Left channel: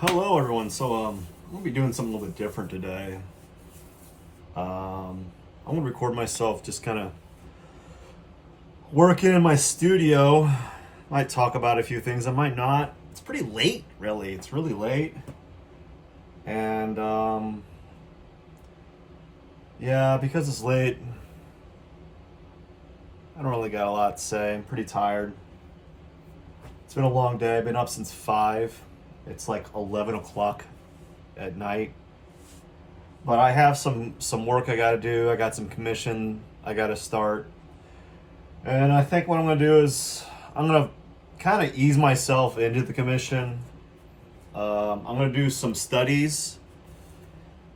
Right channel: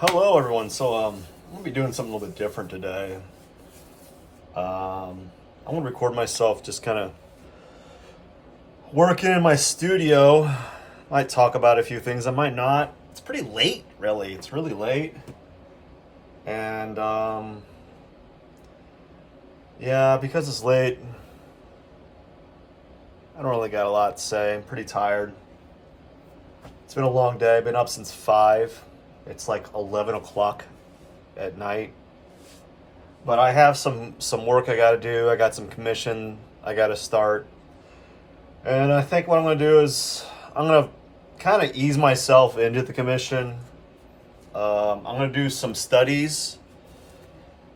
Hello, everyone. I'm gonna be doing something a little bit different today. I'm gonna record myself just kind of working in my studio. Might talk about a few things. I might not. It's pretty late, really. It's really late, and yeah, because it's late, I don't really got a lot to say. I'm pretty tired. It's been a long day. I've been up since 5. It's like 11 o'clock at night. But I have some work I got to do. I got some commission I got to start. And I think what I'm going to do is I'm going to kind of ease myself into the commission. I'm going to do some studies,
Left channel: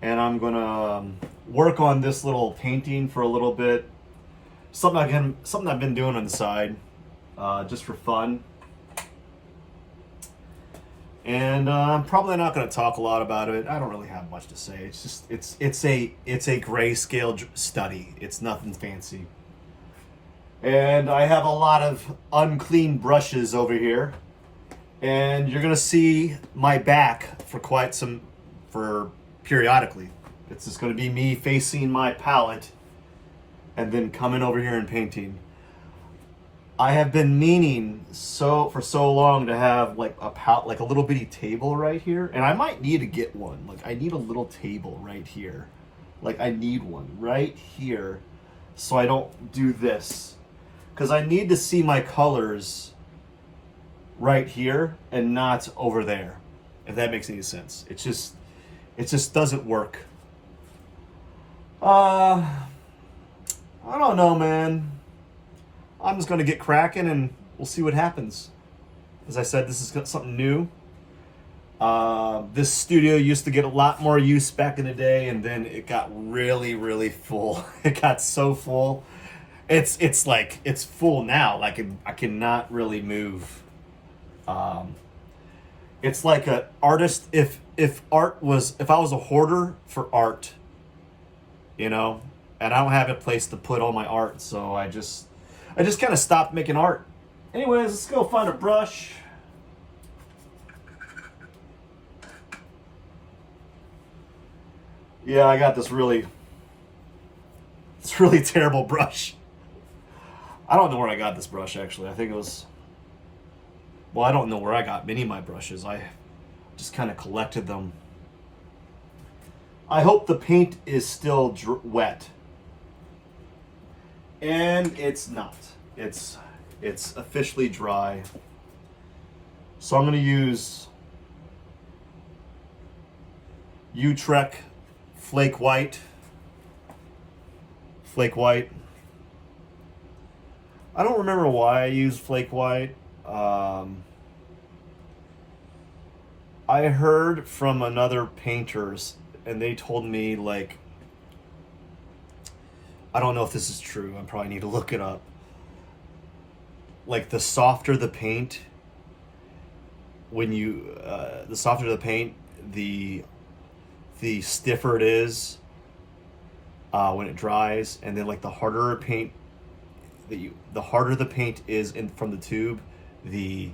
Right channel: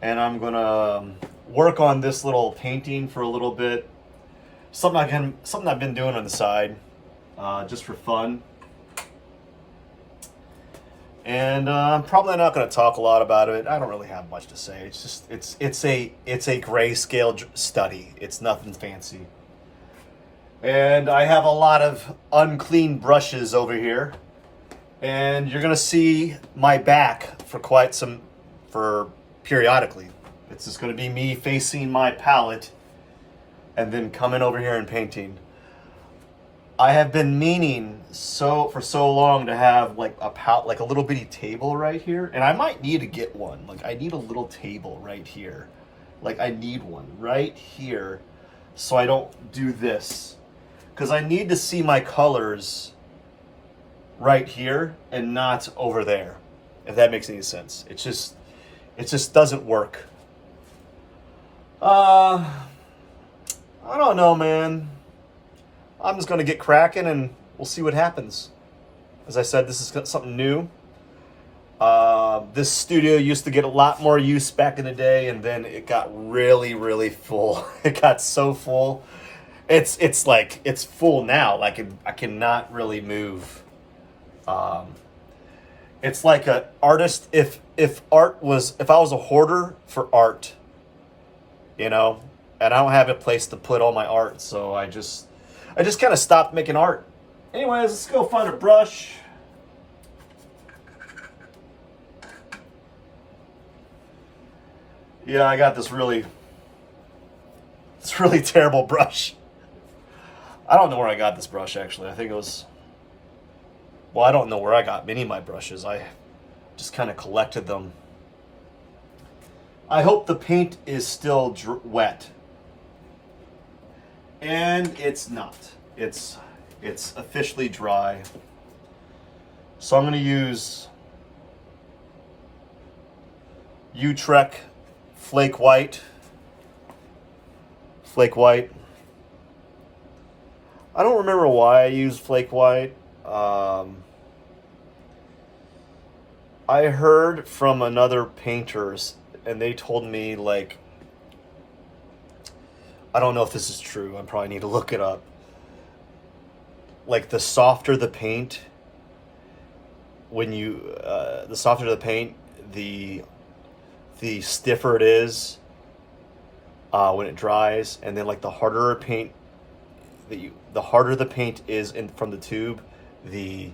and I'm going to work on this little painting for a little bit. Something I've been doing on the side, just for fun. And I'm probably not going to talk a lot about it. I don't really have much to say. It's just it's a grayscale study. It's nothing fancy. And I have a lot of unclean brushes over here, and you're going to see my back for periodically. It's just going to be me facing my palette and then coming over here and painting. I have been meaning for so long to have like a little bitty table right here, and I might need to get one. Like I need a little table right here. Like I need one right here so I don't do this. Cuz I need to see my colors right here and not over there. If that makes any sense. It just doesn't work. I don't know, man. I'm just going to get cracking and we'll see what happens. As I said, this is something new. This studio used to get a lot more use back in the day, and then it got really, really full. It got so full. It's like it's full now. I cannot really move. It's like an artist. If I was a hoarder for art, and I don't have a place to put all my art, so I just kind of stopped making art. Anyways, let's go find a brush. Yeah, I got this really terrible brush. I don't know where I got this brush, actually. I think it was, well, I don't know where I got many of my brushes. I just kind of collected them. I hope the paint is still wet. And it's not. It's officially dry. So I'm going to use Utrecht Flake White. Flake White. I don't remember why I used Flake White. I heard from another painters, and they told me, like, I don't know if this is true. I probably need to look it up. Like the softer the paint, the softer the paint, the stiffer it is when it dries, and then like the harder the paint is from the tube, the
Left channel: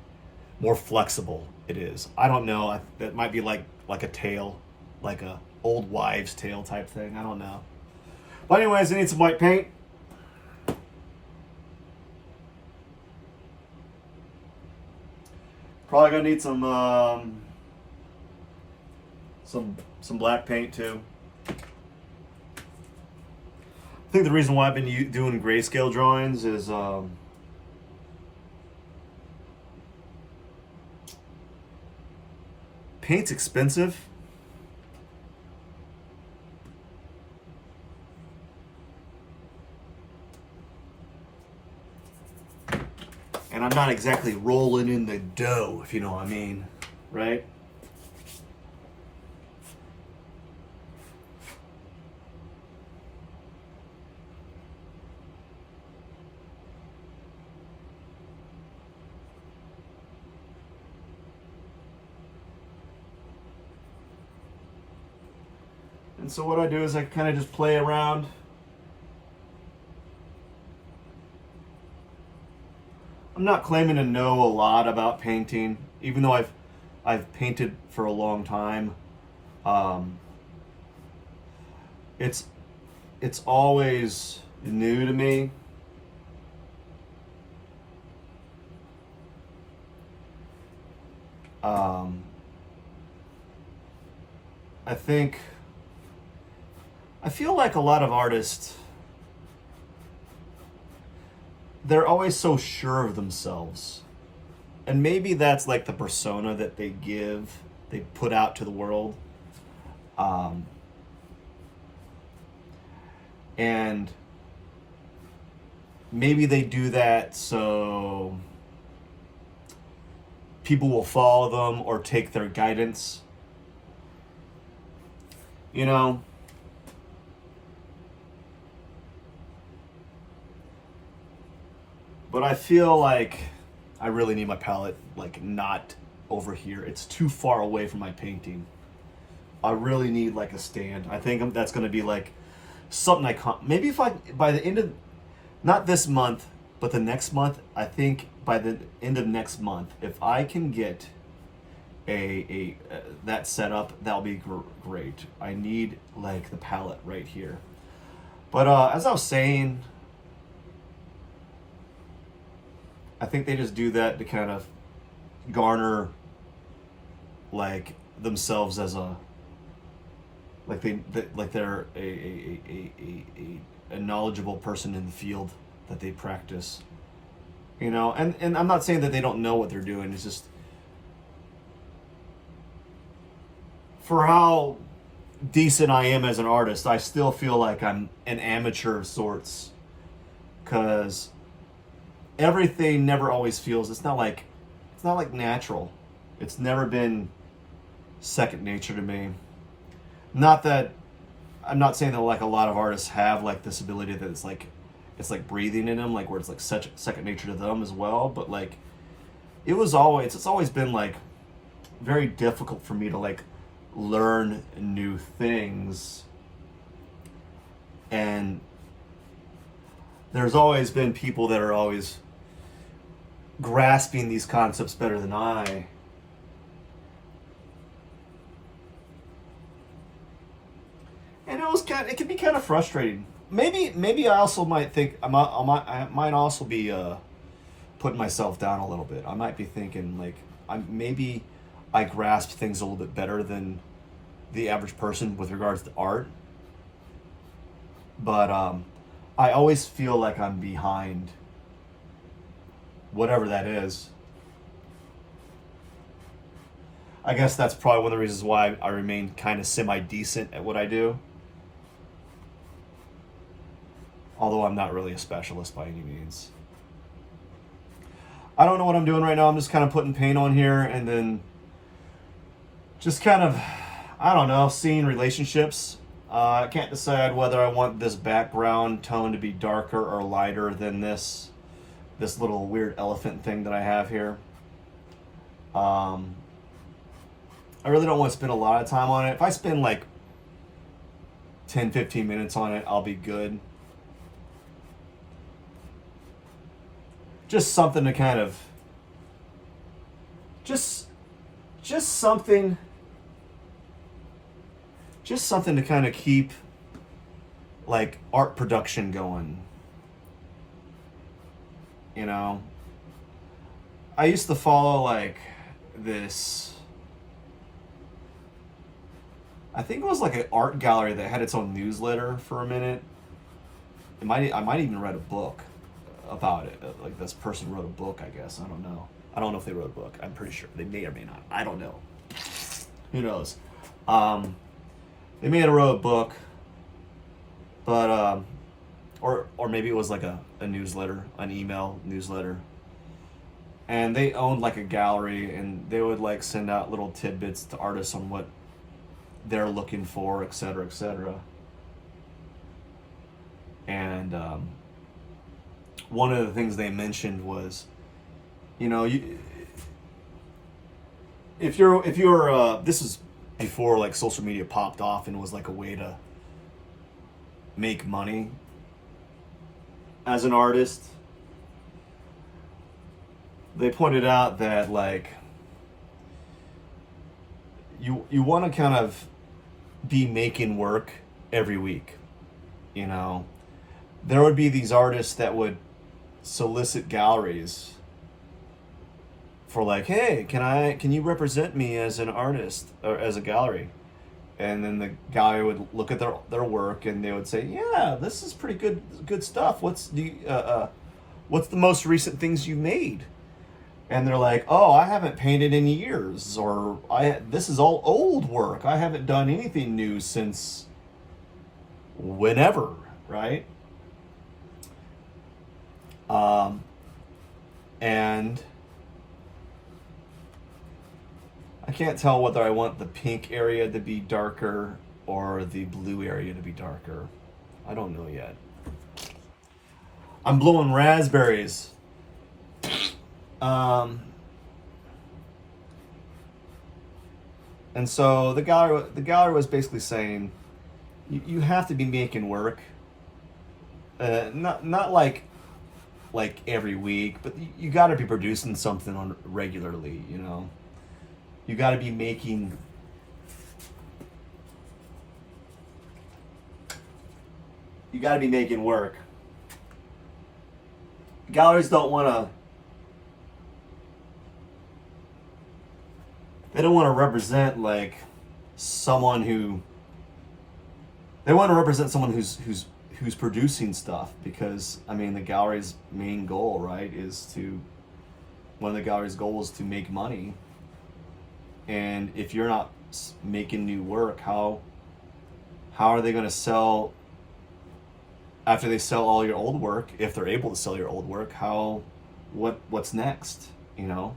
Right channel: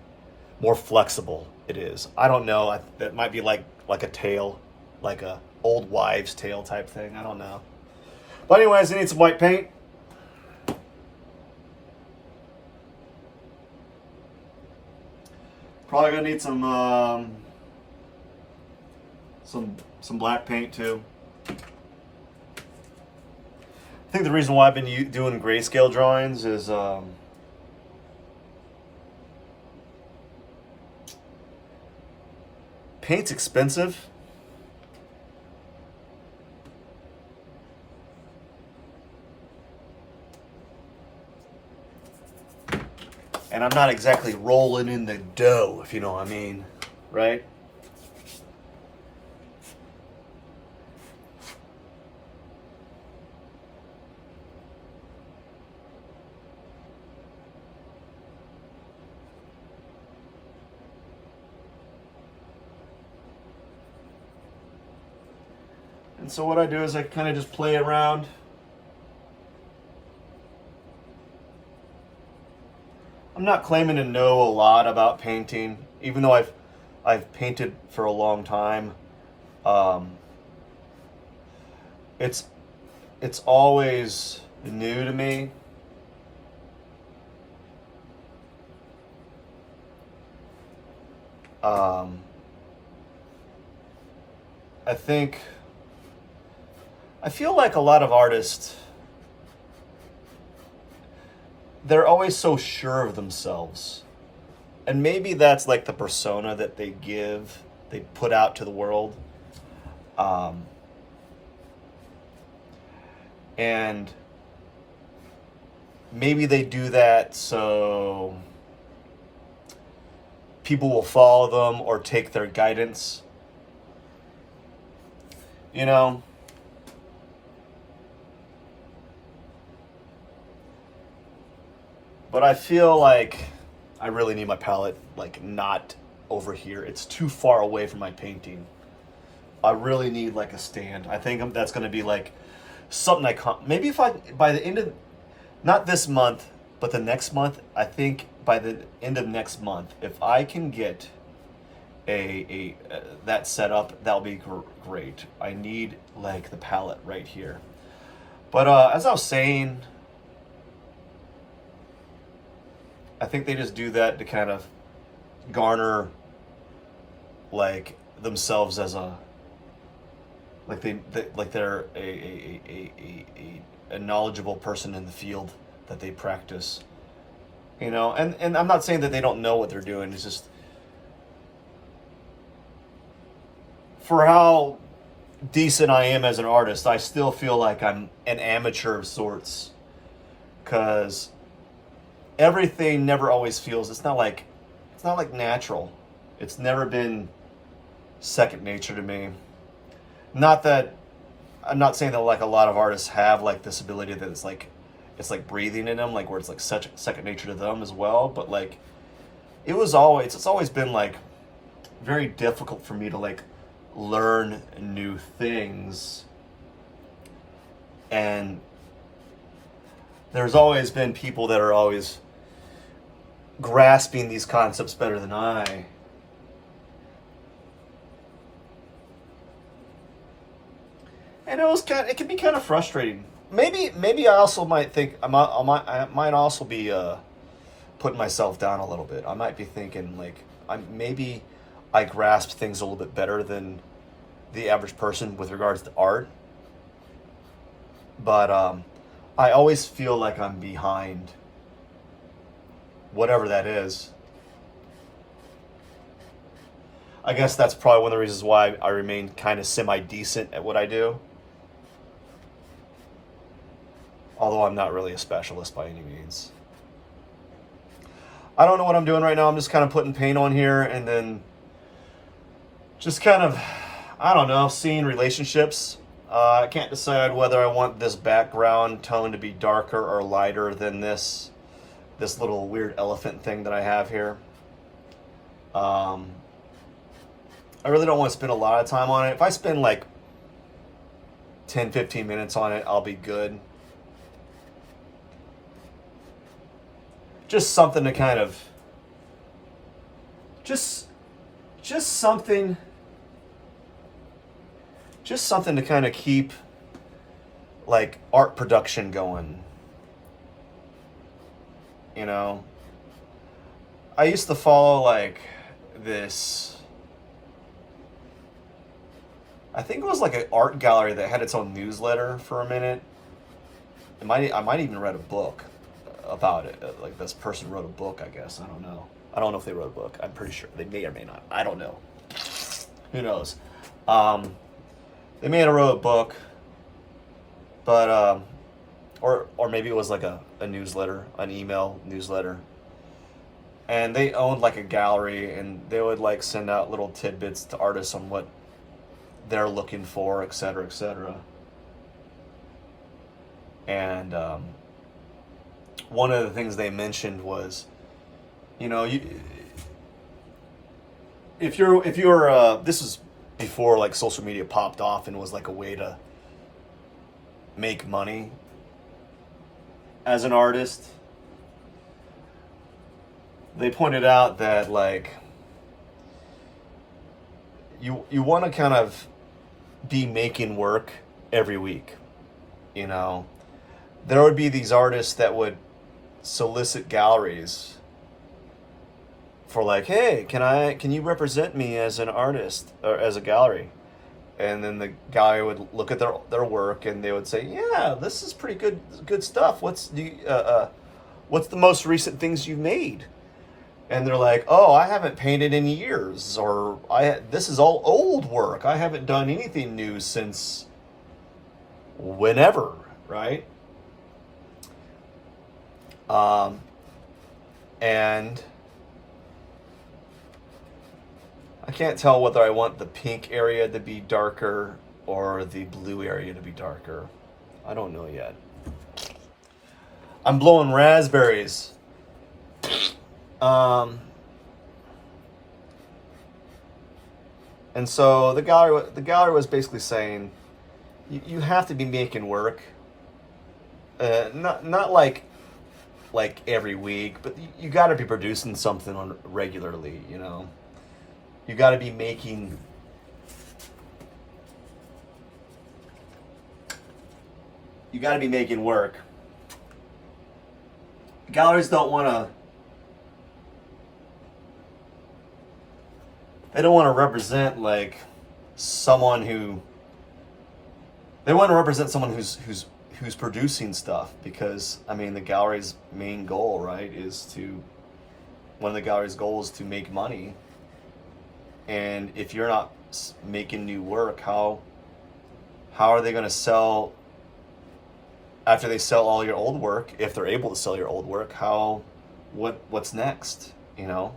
more flexible it is. I don't know. That might be like a tail, like a old wives' tale type thing. I don't know. But anyways, I need some white paint. Probably gonna need some black paint too. I think the reason why I've been doing grayscale drawings is paint's expensive. And I'm not exactly rolling in the dough, if you know what I mean, right? And so what I do is I kind of just play around. I'm not claiming to know a lot about painting, even though I've painted for a long time. Um, it's it's always new to me. Um, I think I feel like a lot of artists, they're always so sure of themselves. And maybe that's like the persona that they put out to the world. Um, and maybe they do that so people will follow them or take their guidance. You know, but I feel like I really need my palette like not over here. It's too far away from my painting. I really need like a stand. I think that's going to be like something I can't. Maybe if I by the end of not this month, but the next month. I think by the end of next month, if I can get a that set up, that'll be great. I need like the palette right here. But as I was saying, I think they just do that to kind of garner like themselves as a like like they're a knowledgeable person in the field that they practice, you know. And I'm not saying that they don't know what they're doing. It's just for how decent I am as an artist, I still feel like I'm an amateur of sorts, because everything never always feels, it's not like natural. It's never been second nature to me. Not that I'm not saying that like a lot of artists have like this ability that it's like breathing in them, like where it's like such second nature to them as well, but like it's always been like very difficult for me to like learn new things. And there's always been people that are always grasping these concepts better than I. And it can be kind of frustrating. Maybe I also might think I might also be putting myself down a little bit. I might be thinking like maybe I grasp things a little bit better than the average person with regards to art. But I always feel like I'm behind, whatever that is. I guess that's probably one of the reasons why I remain kind of semi-decent at what I do. Although I'm not really a specialist by any means. I don't know what I'm doing right now. I'm just kind of putting paint on here and then just kind of, I don't know, seeing relationships. I can't decide whether I want this background tone to be darker or lighter than this little weird elephant thing that I have here. I really don't want to spend a lot of time on it. If I spend like 10-15 minutes on it, I'll be good. Just something to kind of just something to kind of keep like art production going. You know, I used to follow like this, I think it was like an art gallery that had its own newsletter for a minute. I might even read a book about it. Like this person wrote a book, I guess. I don't know. I don't know if they wrote a book. I'm pretty sure they may or may not. I don't know. Who knows? They may have wrote a book, but or maybe it was like a newsletter, an email newsletter. And they owned like a gallery, and they would like send out little tidbits to artists on what they're looking for, et cetera, et cetera. And one of the things they mentioned was, you know, if you're this is before like social media popped off and was like a way to make money as an artist. They pointed out that like you want to kind of be making work every week. You know, there would be these artists that would solicit galleries for like, hey, can you represent me as an artist or as a gallery? And then the gallery would look at their work and they would say, yeah, this is pretty good stuff. What's the most recent things you made? And they're like, oh, I haven't painted in years, or this is all old work. I haven't done anything new since whenever, right? And I can't tell whether I want the pink area to be darker or the blue area to be darker. I don't know yet. I'm blowing raspberries. And so the gallery was basically saying, you have to be making work. Not like every week, but you got to be producing something on regularly. You know, you got to be making. You got to be making work. Galleries don't want to. They don't want to represent like someone who. They want to represent someone who's producing stuff, because I mean the gallery's main goal, right, one of the gallery's goals is to make money. And if you're not making new work, how are they going to sell after they sell all your old work? If they're able to sell your old work, what's next? You know,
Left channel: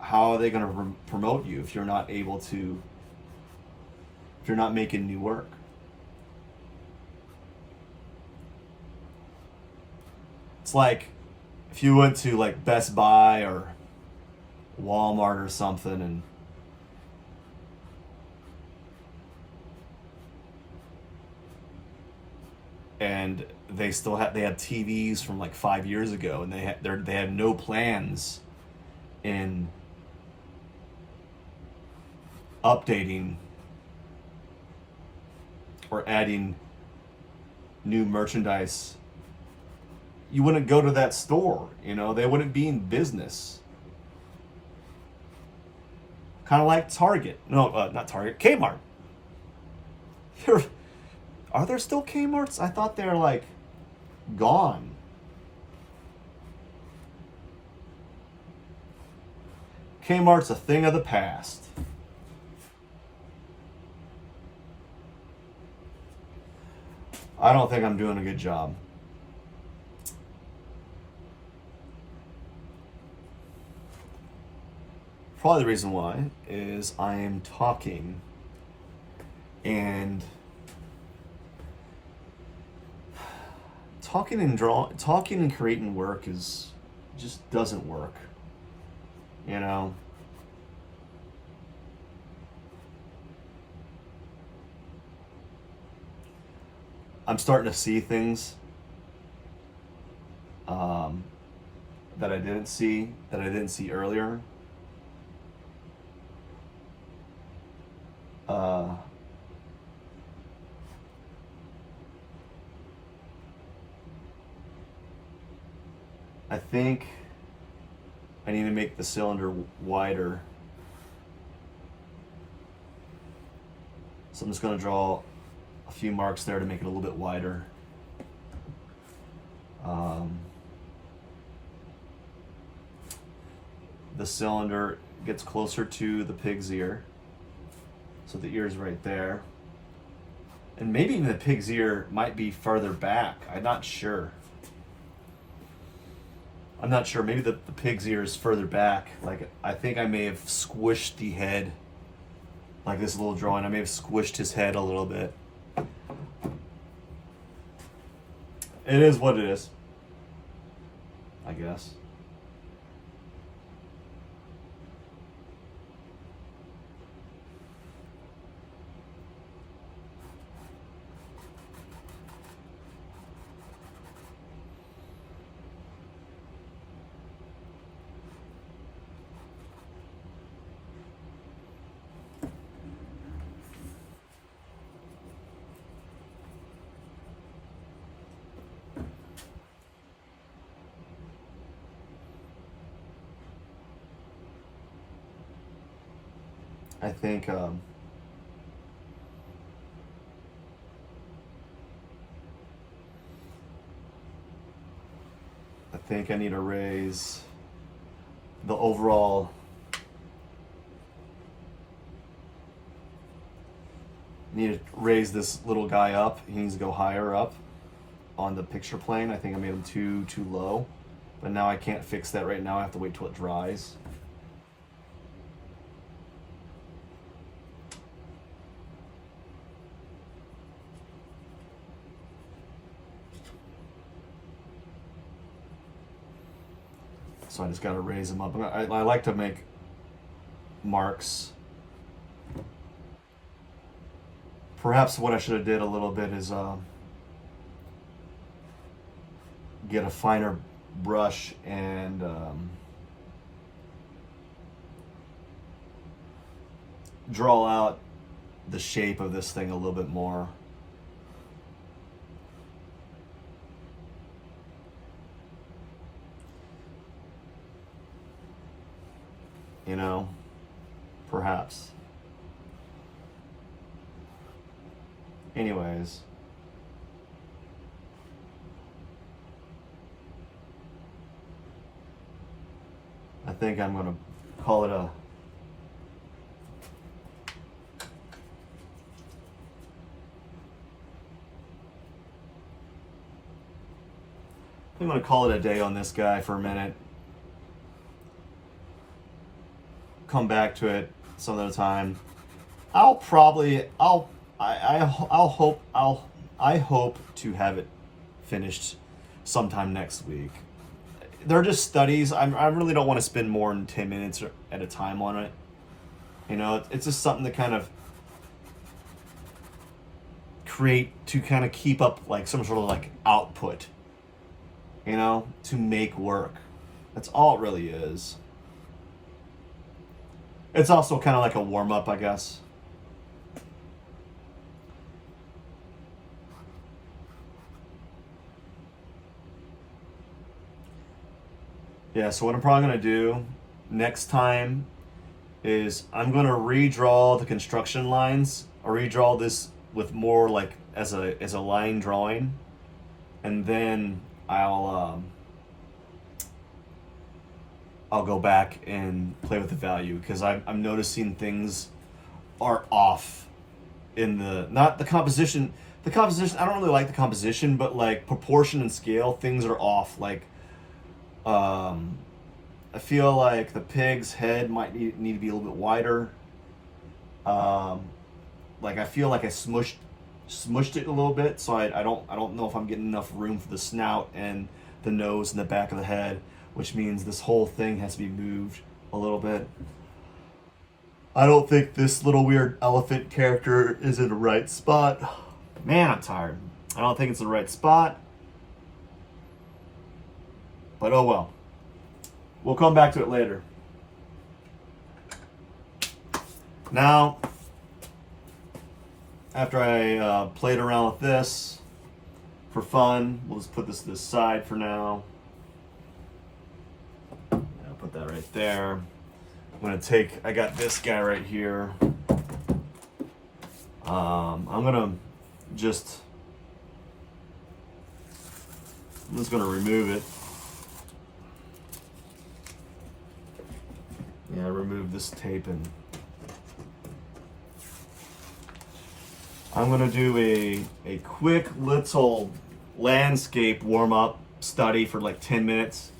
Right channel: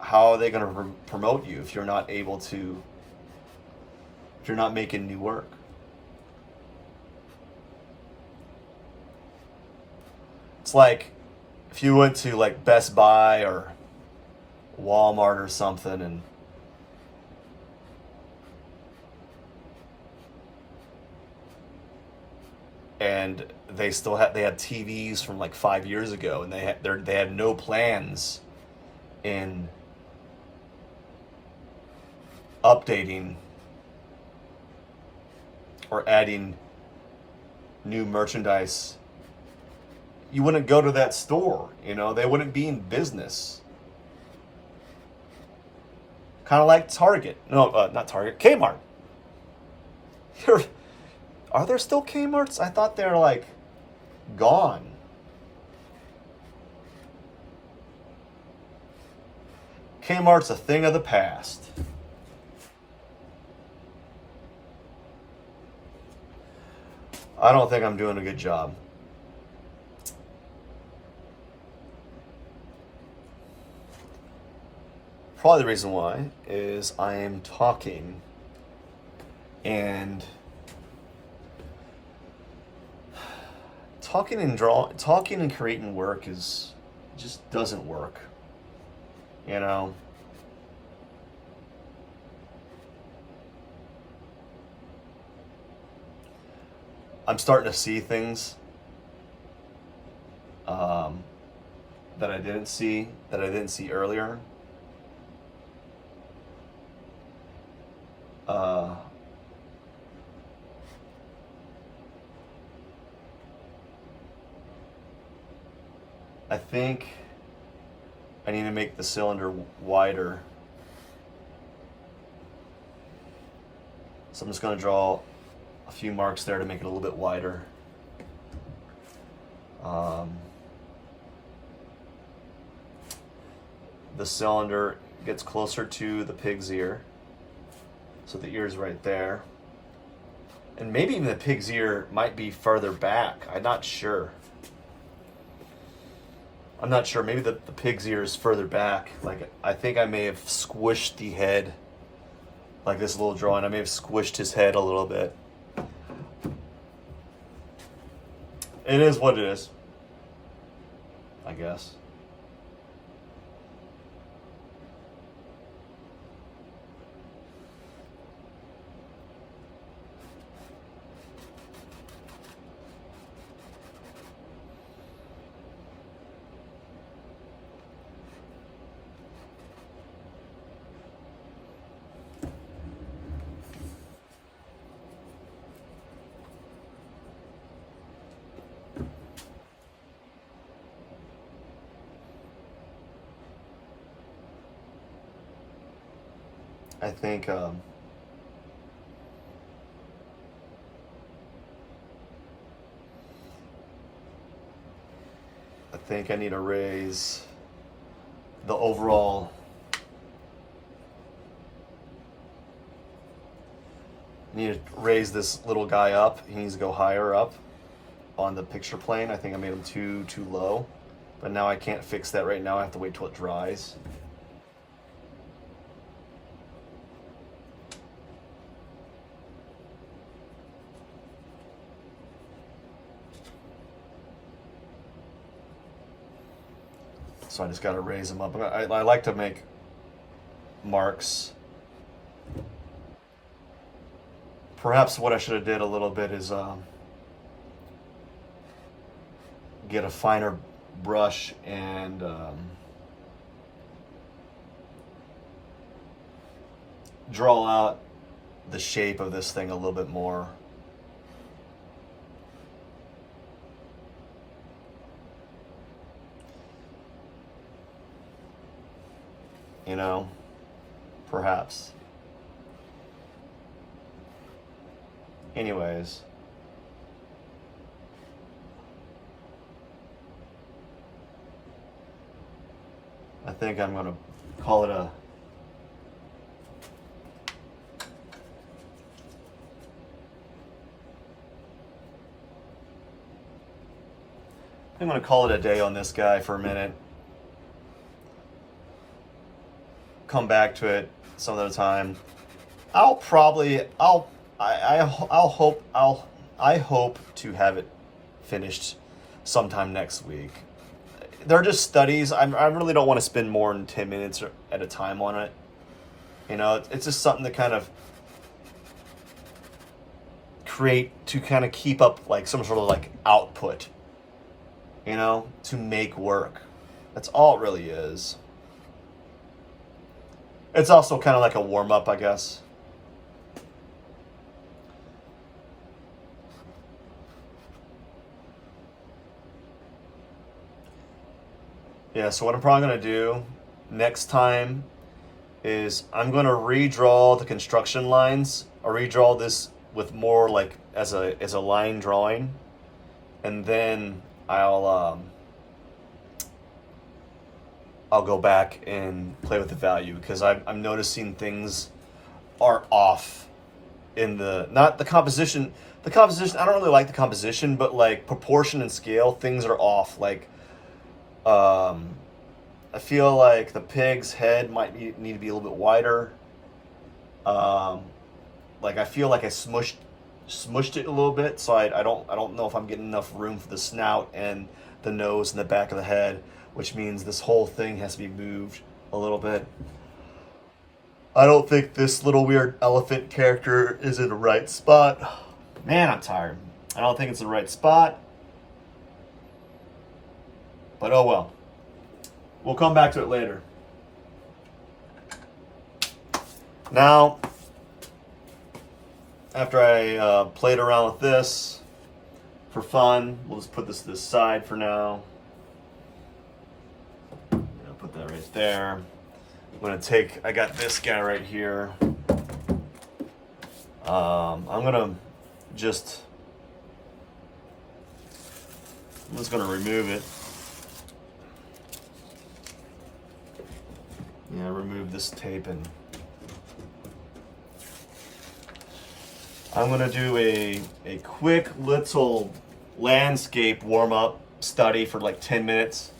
how are they going to promote you if you're not making new work? It's like if you went to like Best Buy or Walmart or something, and they had TVs from like 5 years ago, and they had no plans in updating or adding new merchandise. You wouldn't go to that store, you know, they wouldn't be in business. Kind of like Target. No, not Target, Kmart. Are there still Kmarts? I thought they're like gone. Kmart's a thing of the past. I don't think I'm doing a good job. Probably the reason why is I am talking, and talking and creating work just doesn't work. You know? I'm starting to see things that I didn't see earlier. I think I need to make the cylinder wider. So I'm just going to draw a few marks there to make it a little bit wider. The cylinder gets closer to the pig's ear. So the ear is right there. And maybe even the pig's ear might be further back. I'm not sure. Maybe the pig's ear is further back. Like, I think I may have squished the head. Like this little drawing, I may have squished his head a little bit. It is what it is, I guess. I think I need to raise the overall. I need to raise this little guy up. He needs to go higher up on the picture plane. I think I made him too low, but now I can't fix that right now. I have to wait till it dries. So I just got to raise him up. I like to make marks. Perhaps what I should have did a little bit is get a finer brush and draw out the shape of this thing a little bit more. You know, perhaps. Anyways. I think I'm gonna call it a I'm gonna call it a day on this guy for a minute. Come back to it some other time. I hope to have it finished sometime next week. They're just studies. I really don't want to spend more than 10 minutes at a time on it. You know, it's just something to kind of kind of keep up like some sort of like output, you know, to make work. That's all it really is. It's also kind of like a warm-up, I guess. Yeah, so what I'm probably going to do next time is I'm going to redraw the construction lines, or redraw this with more like as a line drawing, and then I'll go back and play with the value, because I'm noticing things are off in not the composition. The composition, I don't really like the composition, but like proportion and scale, things are off. Like, I feel like the pig's head might need to be a little bit wider. Like I feel like I smushed it a little bit, so I don't know if I'm getting enough room for the snout and the nose and the back of the head, which means this whole thing has to be moved a little bit. I don't think this little weird elephant character is in the right spot. Man, I'm tired. I don't think it's the right spot. But oh well. We'll come back to it later. Now, after I played around with this for fun, we'll just put this to the side for now. Put that right there. I'm gonna I got this guy right here. I'm just gonna remove it. Yeah, remove this tape, and I'm gonna do a quick little landscape warm-up study for like 10 minutes.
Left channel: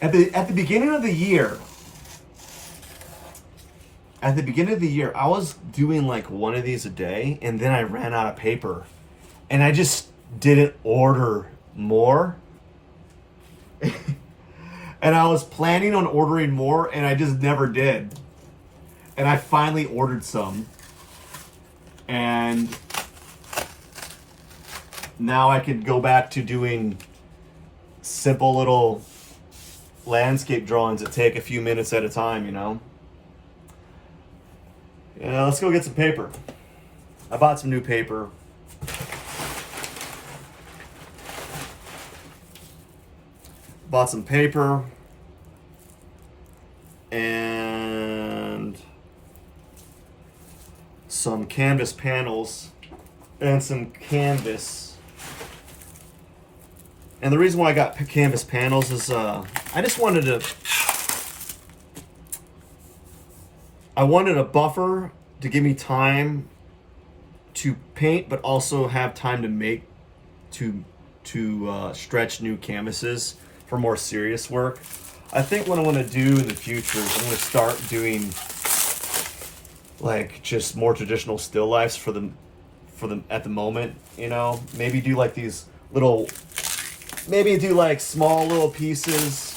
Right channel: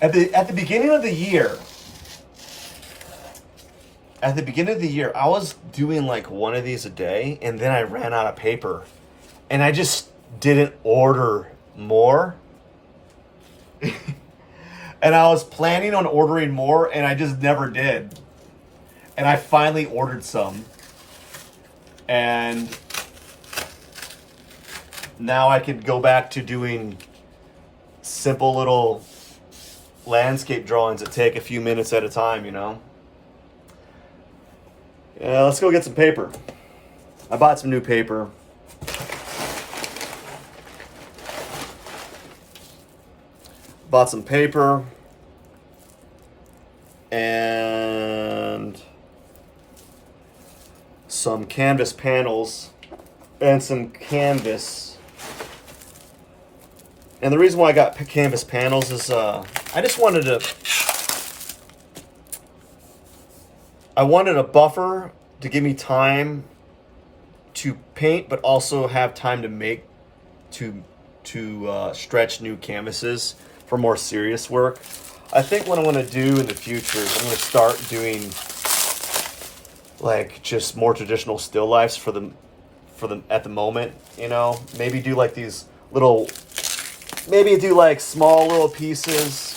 At the beginning of the year, I was doing like one of these a day, and then I ran out of paper, and I just didn't order more. And I was planning on ordering more, and I just never did. And I finally ordered some, and now I can go back to doing simple little landscape drawings that take a few minutes at a time, you know? Yeah, let's go get some paper. I bought some new paper. Bought some paper, and some canvas panels and some canvas. And the reason why I got canvas panels is I wanted a buffer to give me time to paint, but also have time to make, to stretch new canvases for more serious work. I think what I'm going to do in the future is I'm going to start doing like just more traditional still lifes for them at the moment, you know. Maybe do like these little, maybe do like small little pieces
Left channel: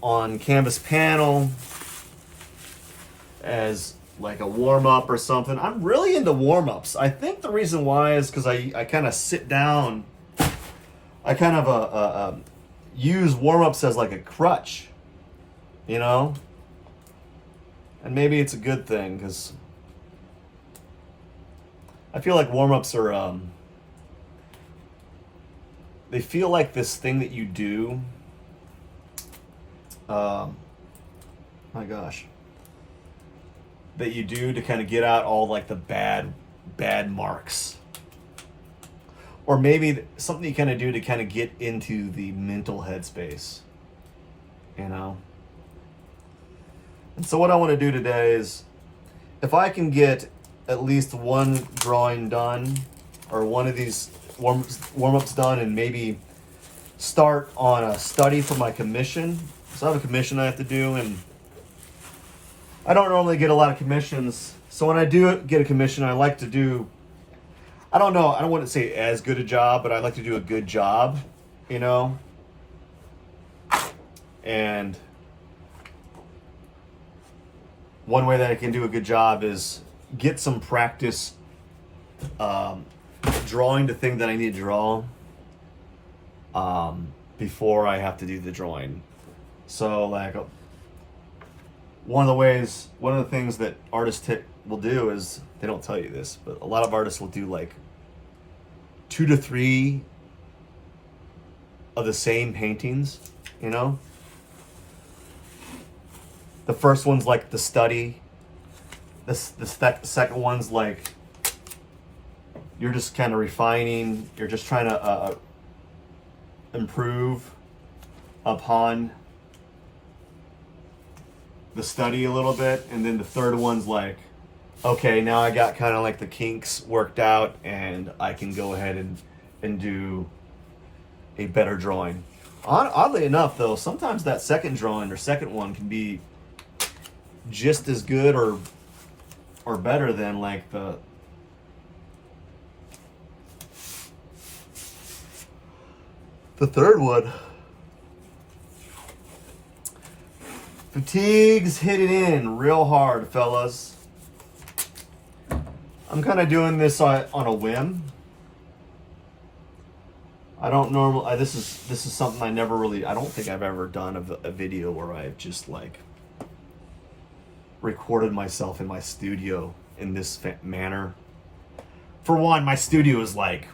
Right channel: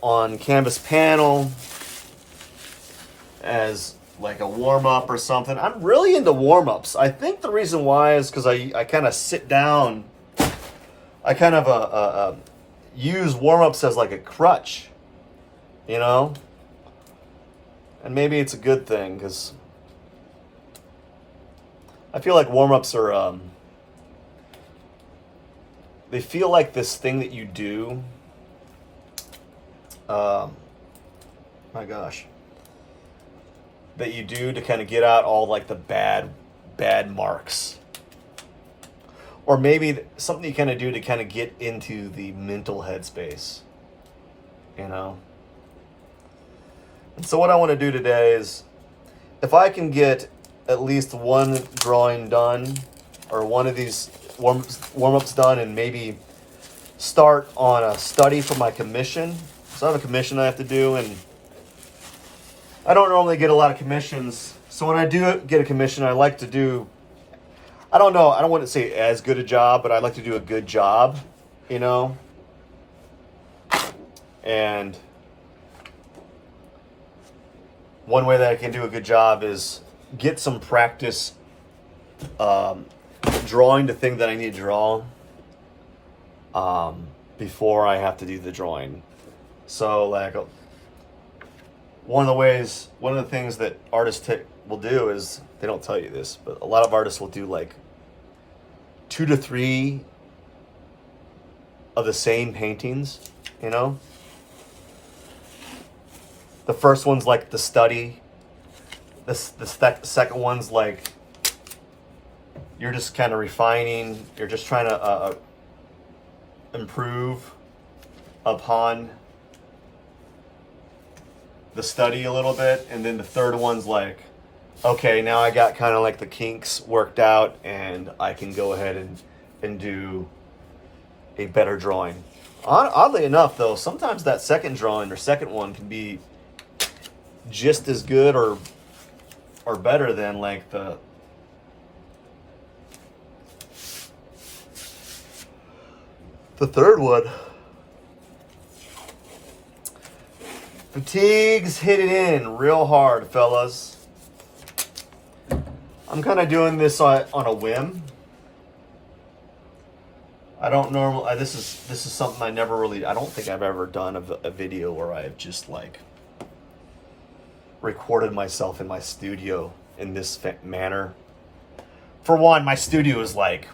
on canvas panel as like a warm-up or something. I'm really into warm-ups. I think the reason why is because I kind of sit down. I kind of use warm-ups as like a crutch, you know? And maybe it's a good thing because I feel like warm-ups are, they feel like this thing that you do. My gosh. That you do to kind of get out all like the bad marks. Or maybe something you kind of do to kind of get into the mental headspace, you know? And so what I want to do today is, if I can get at least one drawing done, or one of these warm-ups done, and maybe start on a study for my commission. So I have a commission I have to do, and I don't normally get a lot of commissions. So when I do get a commission, I like to do, I don't know, I don't want to say as good a job, but I like to do a good job, you know? And one way that I can do a good job is get some practice drawing the thing that I need to draw before I have to do the drawing. So like one of the things that artists will do is, they don't tell you this, but a lot of artists will do like 2 to 3 of the same paintings, you know? The first one's like the study. The second one's like, you're just kind of refining, you're just trying to improve upon the study a little bit. And then the third one's like, okay, now I got kind of like the kinks worked out and I can go ahead and do a better drawing. Oddly enough though, sometimes that second drawing or second one can be just as good or better than like the third one. Fatigue's hit it in real hard, fellas. I'm kind of doing this on a whim. I don't normally. This is something I never really. I don't think I've ever done a video where I've just like recorded myself in my studio in this manner. For one, my studio is like,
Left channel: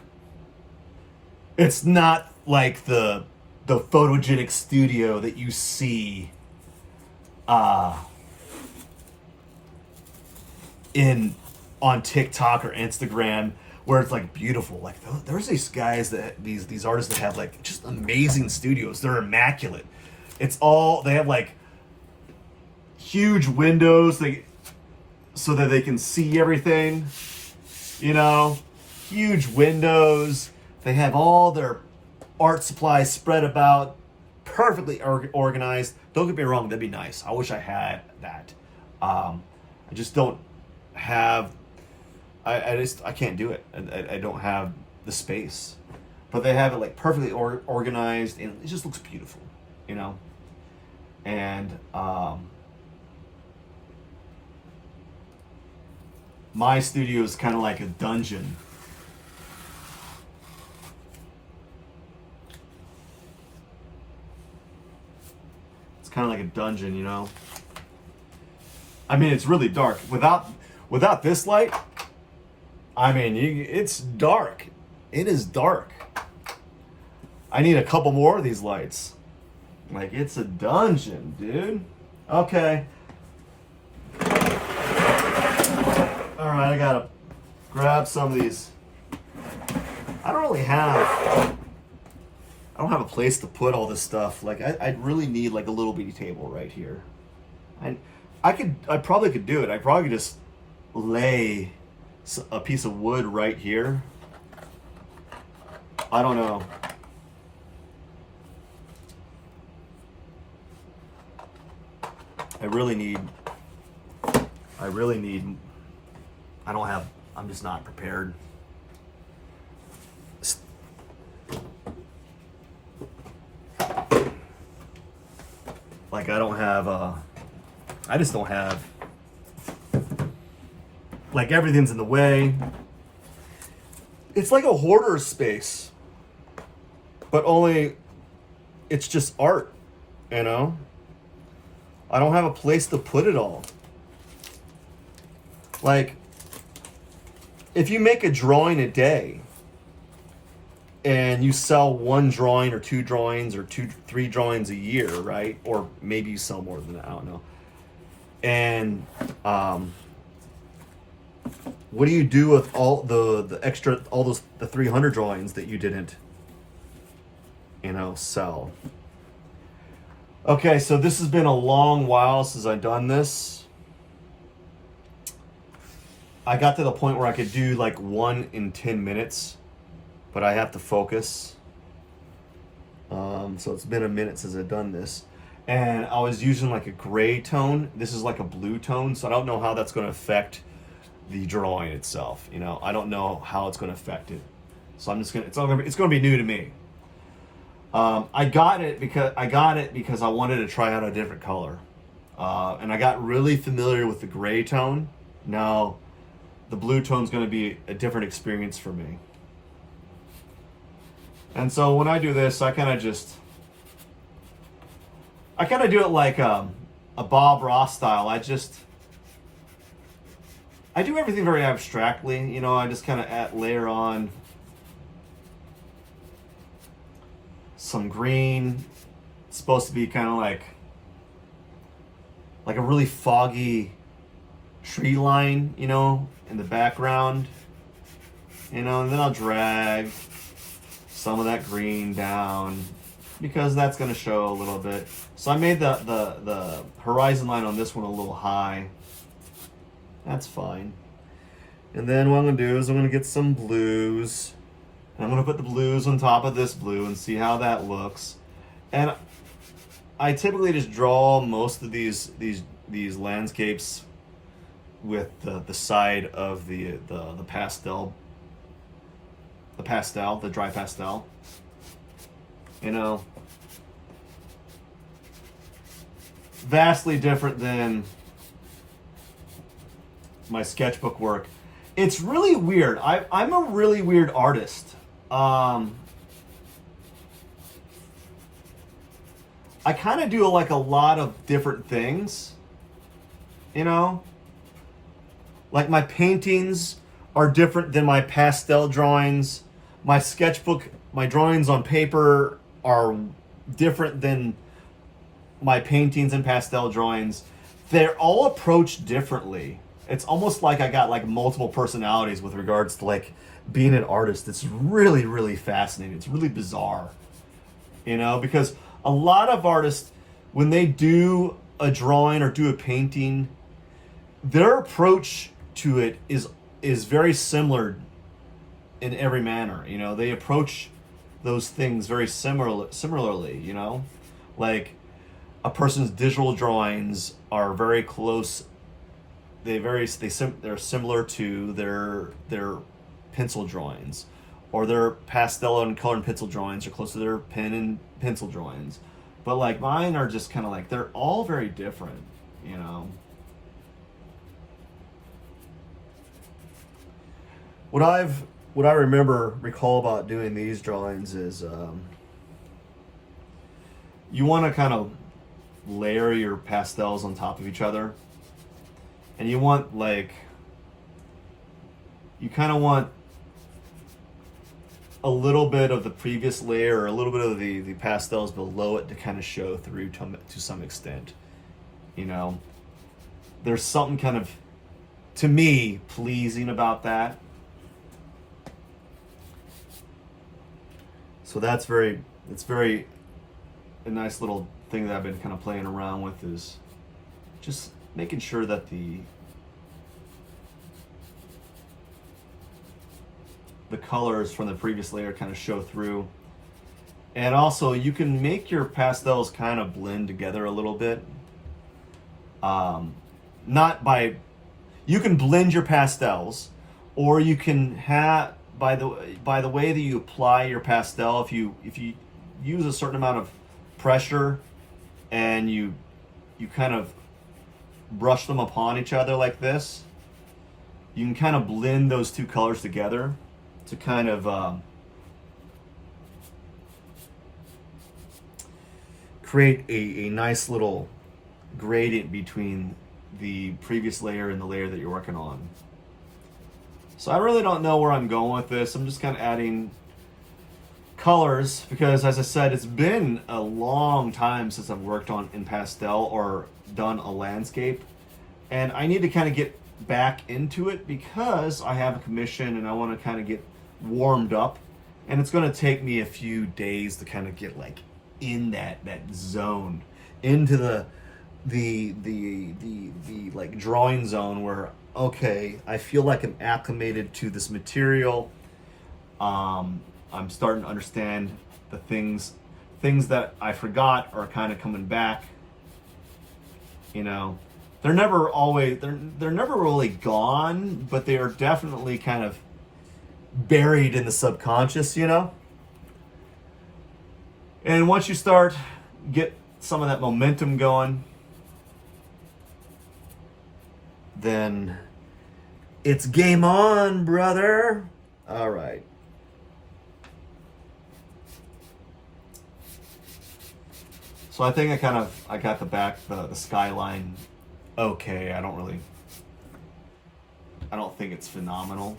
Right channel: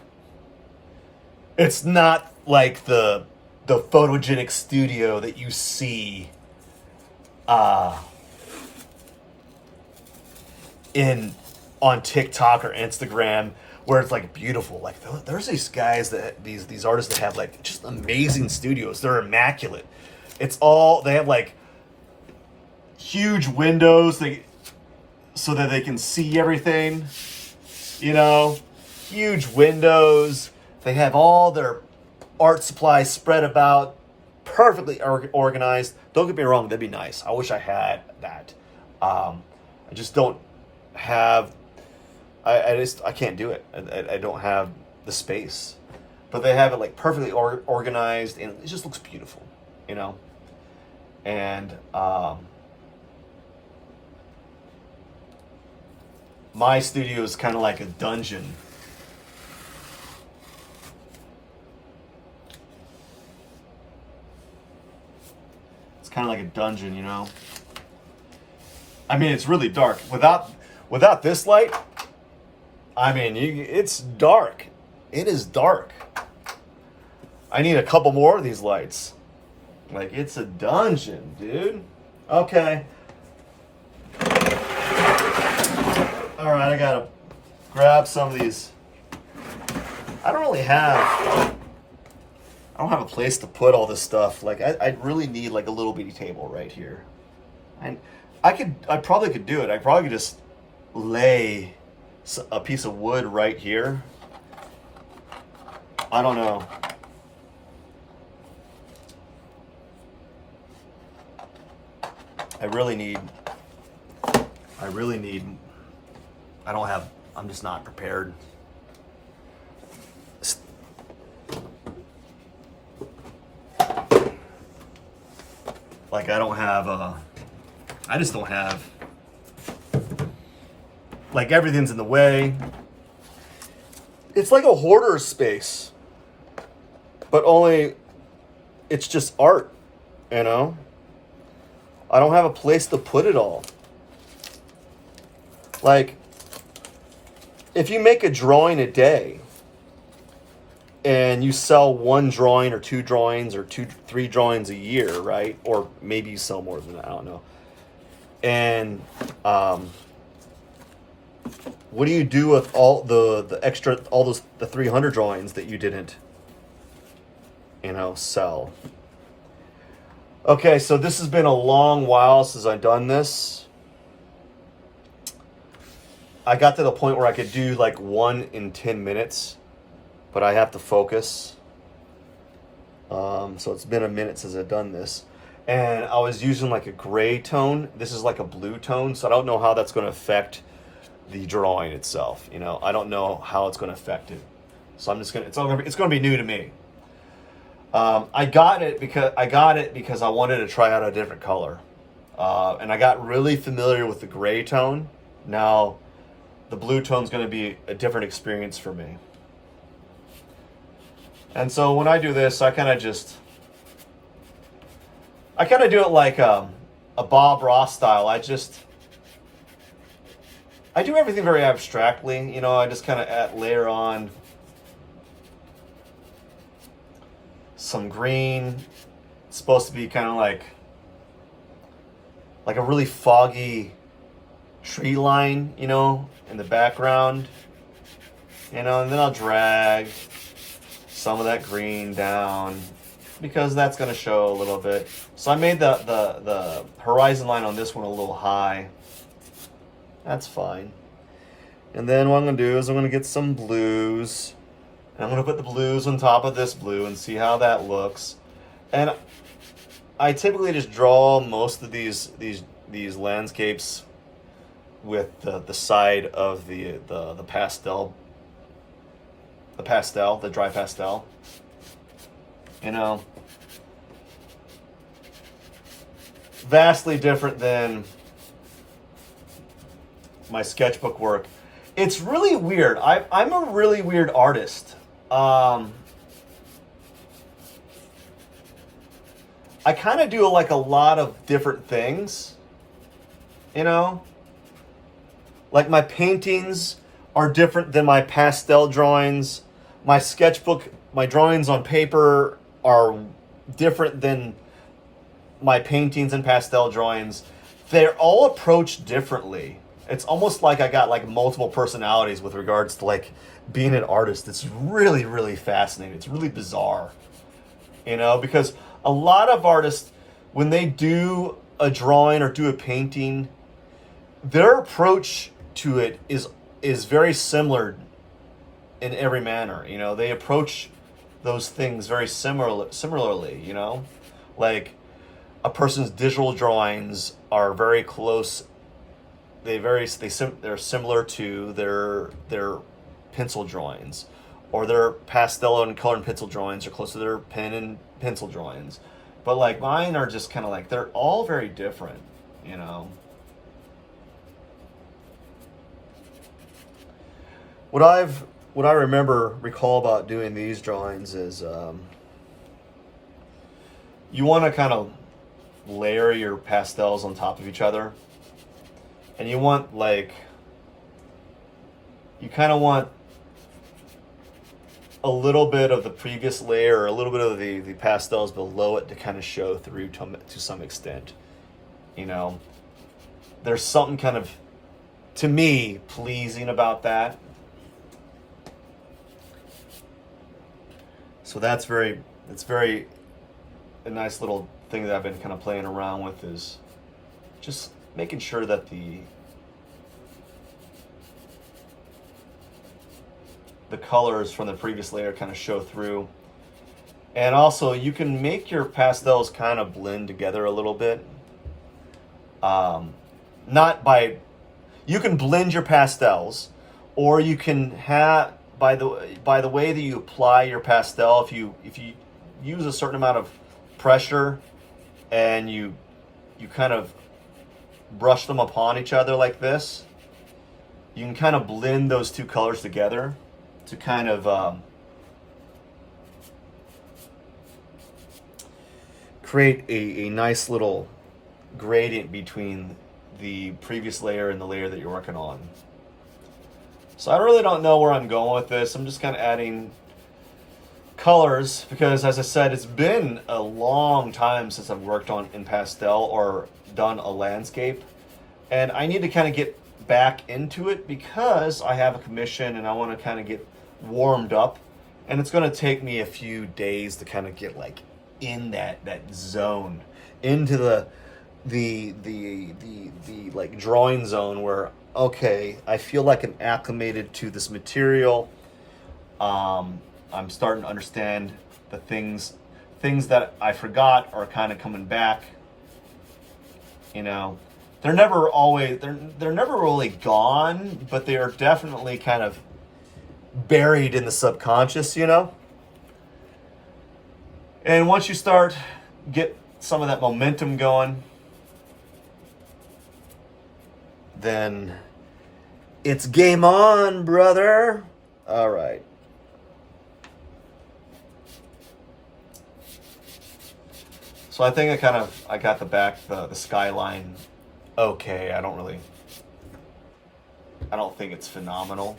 it's not like the photogenic studio that you see on TikTok or Instagram, where it's like beautiful. Like there's these guys these artists that have like just amazing studios. They're immaculate. It's all, they have like huge windows so that they can see everything, you know, huge windows. They have all their art supplies spread about, perfectly organized. Don't get me wrong, that'd be nice. I wish I had that. I just don't have, I can't do it. I don't have the space. But they have it like perfectly organized, and it just looks beautiful, you know? And my studio is kind of like a dungeon. It's kind of like a dungeon, you know? I mean, it's really dark. Without this light, I mean, it's dark. It is dark. I need a couple more of these lights. Like, it's a dungeon, dude. Okay. All right, I gotta grab some of these. I don't have a place to put all this stuff. Like I really need like a little bitty table right here. And I probably could do it. I probably could just lay a piece of wood right here. I don't know. I'm just not prepared. Like I just don't have, like everything's in the way. It's like a hoarder's space, but only it's just art, you know? I don't have a place to put it all. Like, if you make a drawing a day and you sell one drawing or two drawings or three drawings a year, right? Or maybe you sell more than that, I don't know. And what do you do with all the extra, the 300 drawings that you didn't, sell? Okay, so this has been a long while since I've done this. I got to the point where I could do like one in 10 minutes, but I have to focus. So it's been a minute since I've done this. And I was using like a gray tone. This is like a blue tone, so I don't know how that's going to affect the drawing itself. I don't know how it's going to affect it. So it's going to be new to me. I got it because I wanted to try out a different color. And I got really familiar with the gray tone. Now, the blue tone is going to be a different experience for me. And so when I do this, I kind of do it like a Bob Ross style. I do everything very abstractly. I just kind of layer on some green. It's supposed to be kind of like a really foggy tree line, in the background, and then I'll drag some of that green down because that's going to show a little bit. So I made the horizon line on this one a little high. That's fine. And then what I'm going to do is I'm going to get some blues. And I'm going to put the blues on top of this blue and see how that looks. And I typically just draw most of these landscapes with the side of the pastel, the dry pastel. Vastly different than my sketchbook work. It's really weird. I'm a really weird artist. I kind of do like a lot of different things, Like my paintings are different than my pastel drawings. My sketchbook, my drawings on paper are different than my paintings and pastel drawings. They're all approached differently. It's almost like I got like multiple personalities with regards to like being an artist. It's really, really fascinating. It's really bizarre, because a lot of artists, when they do a drawing or do a painting, their approach to it is very similar in every manner. They approach those things very similarly. Like a person's digital drawings are very close. They're similar to their pencil drawings, or their pastel and color and pencil drawings are close to their pen and pencil drawings. But like mine are just kind of like, they're all very different. What I recall about doing these drawings is you want to kind of layer your pastels on top of each other, and you kind of want a little bit of the previous layer, or a little bit of the pastels below it to kind of show through to some extent. There's something kind of to me, pleasing about that. So it's very a nice little thing that I've been kind of playing around with, is just making sure that the colors from the previous layer kind of show through. And also you can make your pastels kind of blend together a little bit. You can blend your pastels, or you can have, by the way that you apply your pastel, if you use a certain amount of pressure and you kind of brush them upon each other like this, you can kind of blend those two colors together to kind of create a nice little gradient between the previous layer and the layer that you're working on. So I really don't know where I'm going with this. I'm just kind of adding colors because, as I said, it's been a long time since I've worked in pastel or done a landscape, and I need to kind of get back into it because I have a commission and I want to kind of get warmed up, and it's going to take me a few days to kind of get like in that zone, into the like drawing zone where, okay, I feel like I'm acclimated to this material. I'm starting to understand the things that I forgot are kind of coming back. You know, they're never really gone, but they are definitely kind of buried in the subconscious, you know? And once you get some of that momentum going, then it's game on, brother. All right. So I think I got the skyline okay. I don't think it's phenomenal.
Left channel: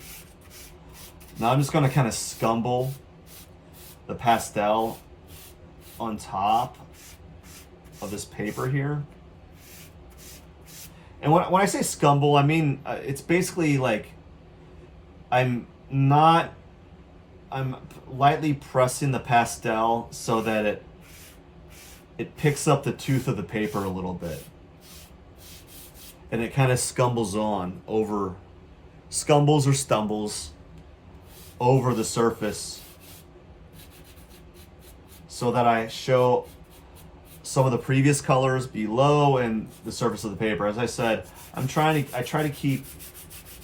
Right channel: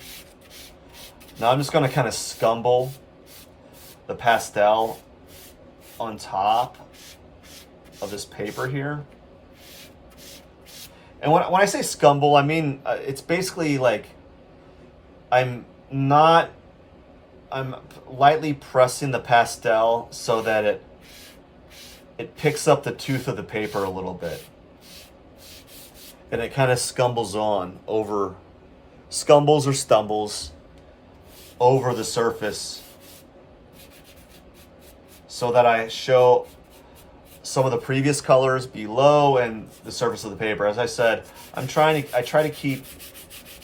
Now I'm just going to kind of scumble the pastel on top of this paper here. And when I say scumble, I mean, it's basically like I'm lightly pressing the pastel so that it picks up the tooth of the paper a little bit. And it kind of stumbles or stumbles over the surface so that I show some of the previous colors below and the surface of the paper. As I said, I try to keep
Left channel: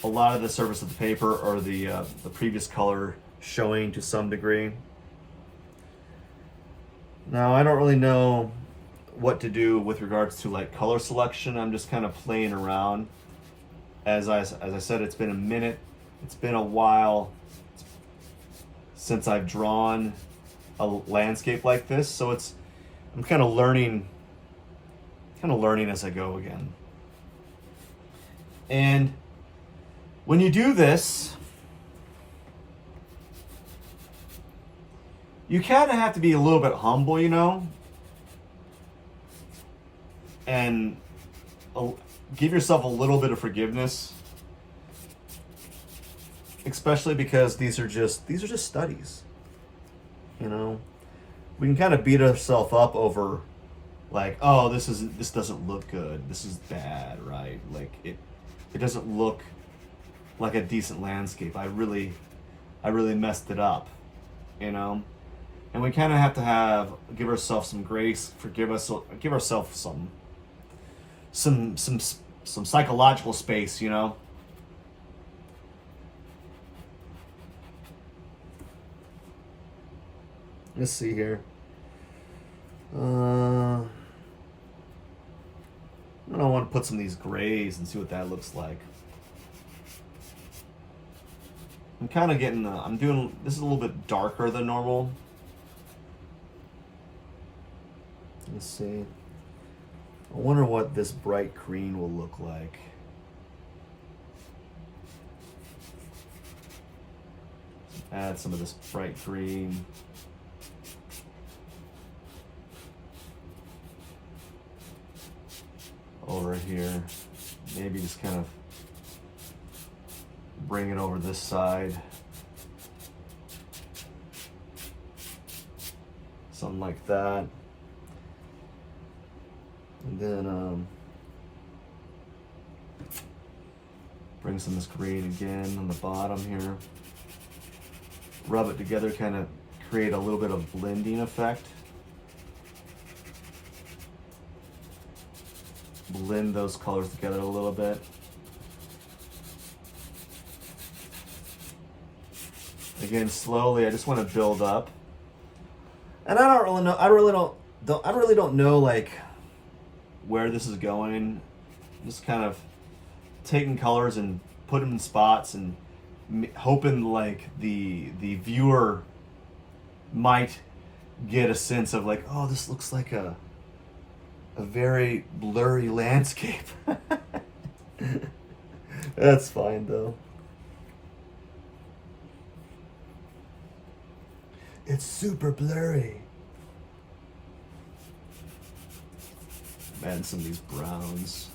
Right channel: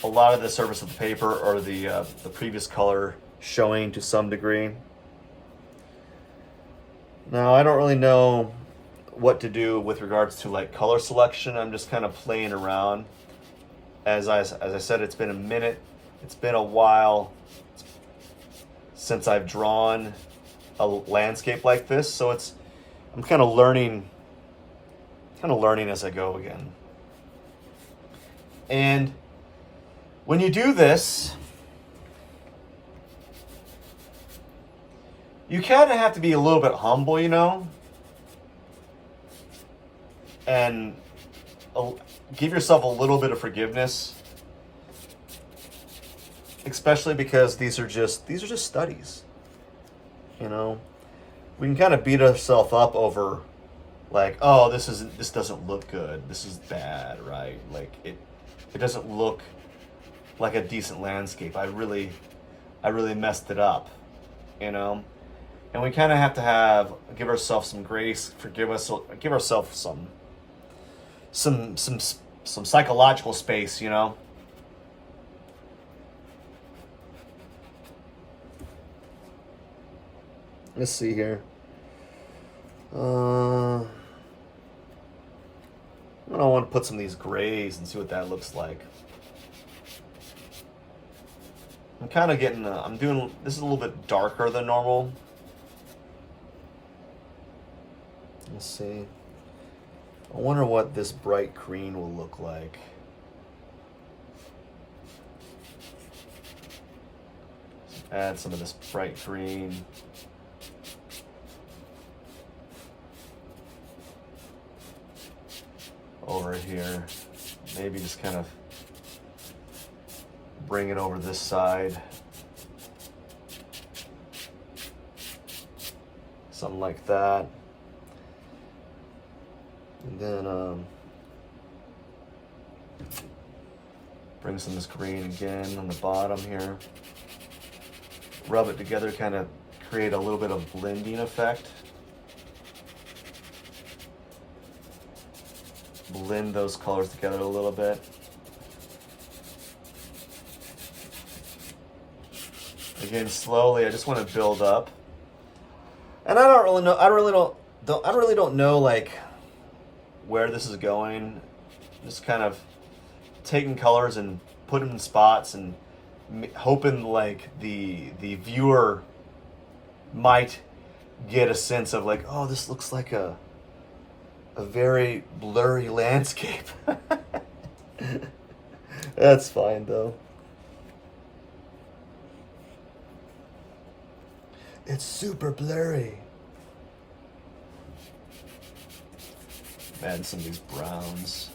a lot of the surface of the paper or the previous color showing to some degree. Now, I don't really know what to do with regards to like color selection. I'm just kind of playing around. As I said, it's been a minute. It's been a while since I've drawn a landscape like this, so I'm kind of learning as I go again. And when you do this, you kind of have to be a little bit humble, you know, and give yourself a little bit of forgiveness, especially because these are just studies, you know. We can kind of beat ourselves up over like, oh, this doesn't look good, this is bad, right? Like it doesn't look like a decent landscape. I really messed it up, you know. And we kind of have to give ourselves some grace, give ourselves some psychological space, you know. Let's see here. I want to put some of these grays and see what that looks like. I'm kind of getting, this is a little bit darker than normal. Let's see. I wonder what this bright green will look like. Add some of this bright green. Over here. Maybe just kind of bring it over this side. Something like that. And then bring some of this green again on the bottom here. Rub it together, kind of create a little bit of blending effect. Blend those colors together a little bit. Again, slowly, I just want to build up. And I don't really know, I really don't know like where this is going. Just kind of taking colors and put them in spots and hoping like the viewer might get a sense of like, oh, this looks like a very blurry landscape. That's fine though. It's super blurry. Add some of these browns.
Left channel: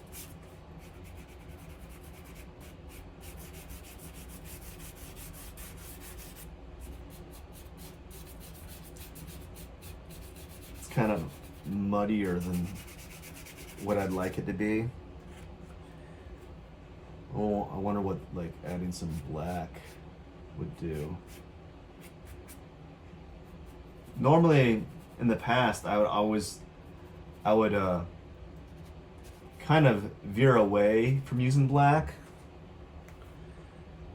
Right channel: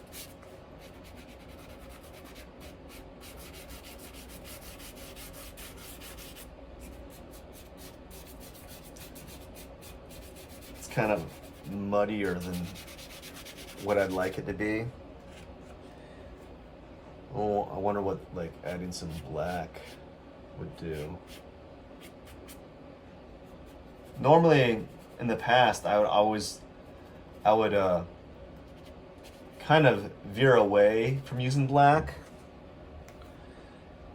It's kind of muddier than what I'd like it to be. Oh, I wonder what like adding some black would do. Normally, in the past, I would kind of veer away from using black.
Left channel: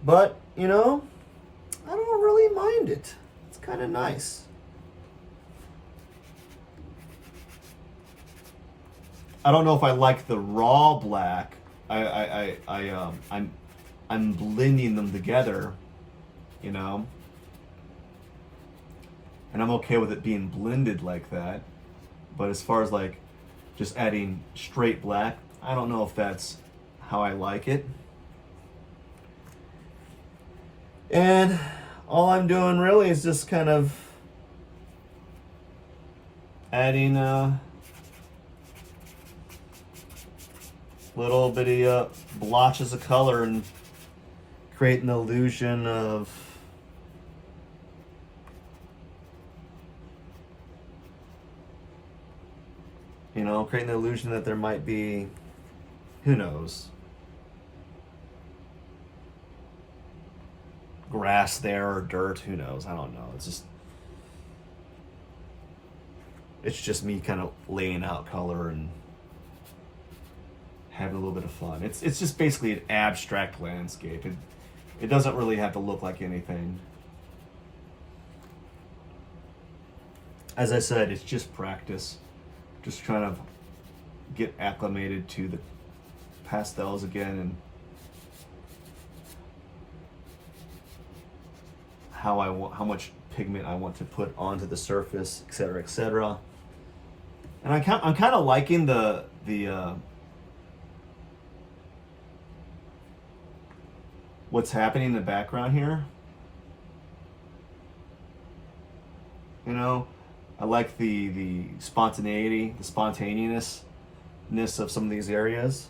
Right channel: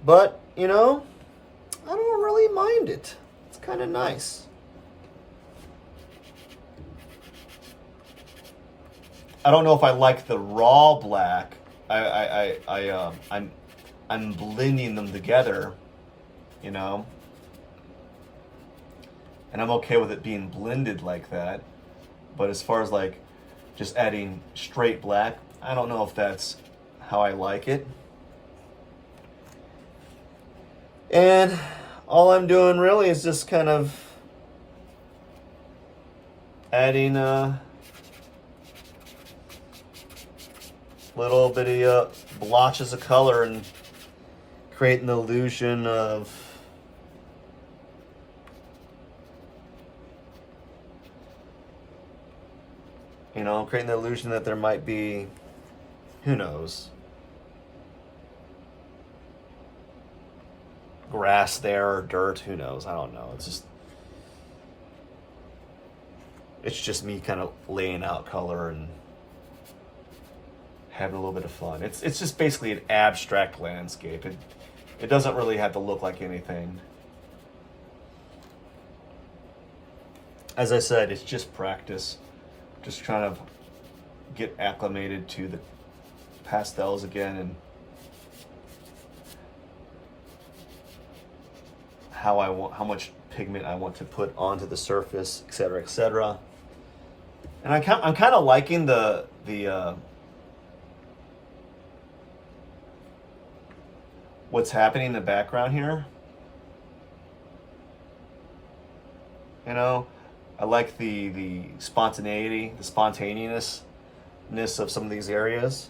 But, you know, I don't really mind it. It's kind of nice. I don't know if I like the raw black. I'm blending them together, you know. And I'm okay with it being blended like that. But as far as like just adding straight black, I don't know if that's how I like it. And all I'm doing really is just kind of adding little bitty blotches of color and creating the illusion of creating the illusion that there might be, who knows, grass there or dirt, who knows, I don't know. It's just me kind of laying out color and having a little bit of fun. It's just basically an abstract landscape. It doesn't really have to look like anything. As I said, it's just practice. Just trying to get acclimated to the pastels again and how much pigment I want to put onto the surface, etc., etc. And I'm kind of liking the what's happening in the background here. You know, I like the spontaneity, the spontaneousness of some of these areas.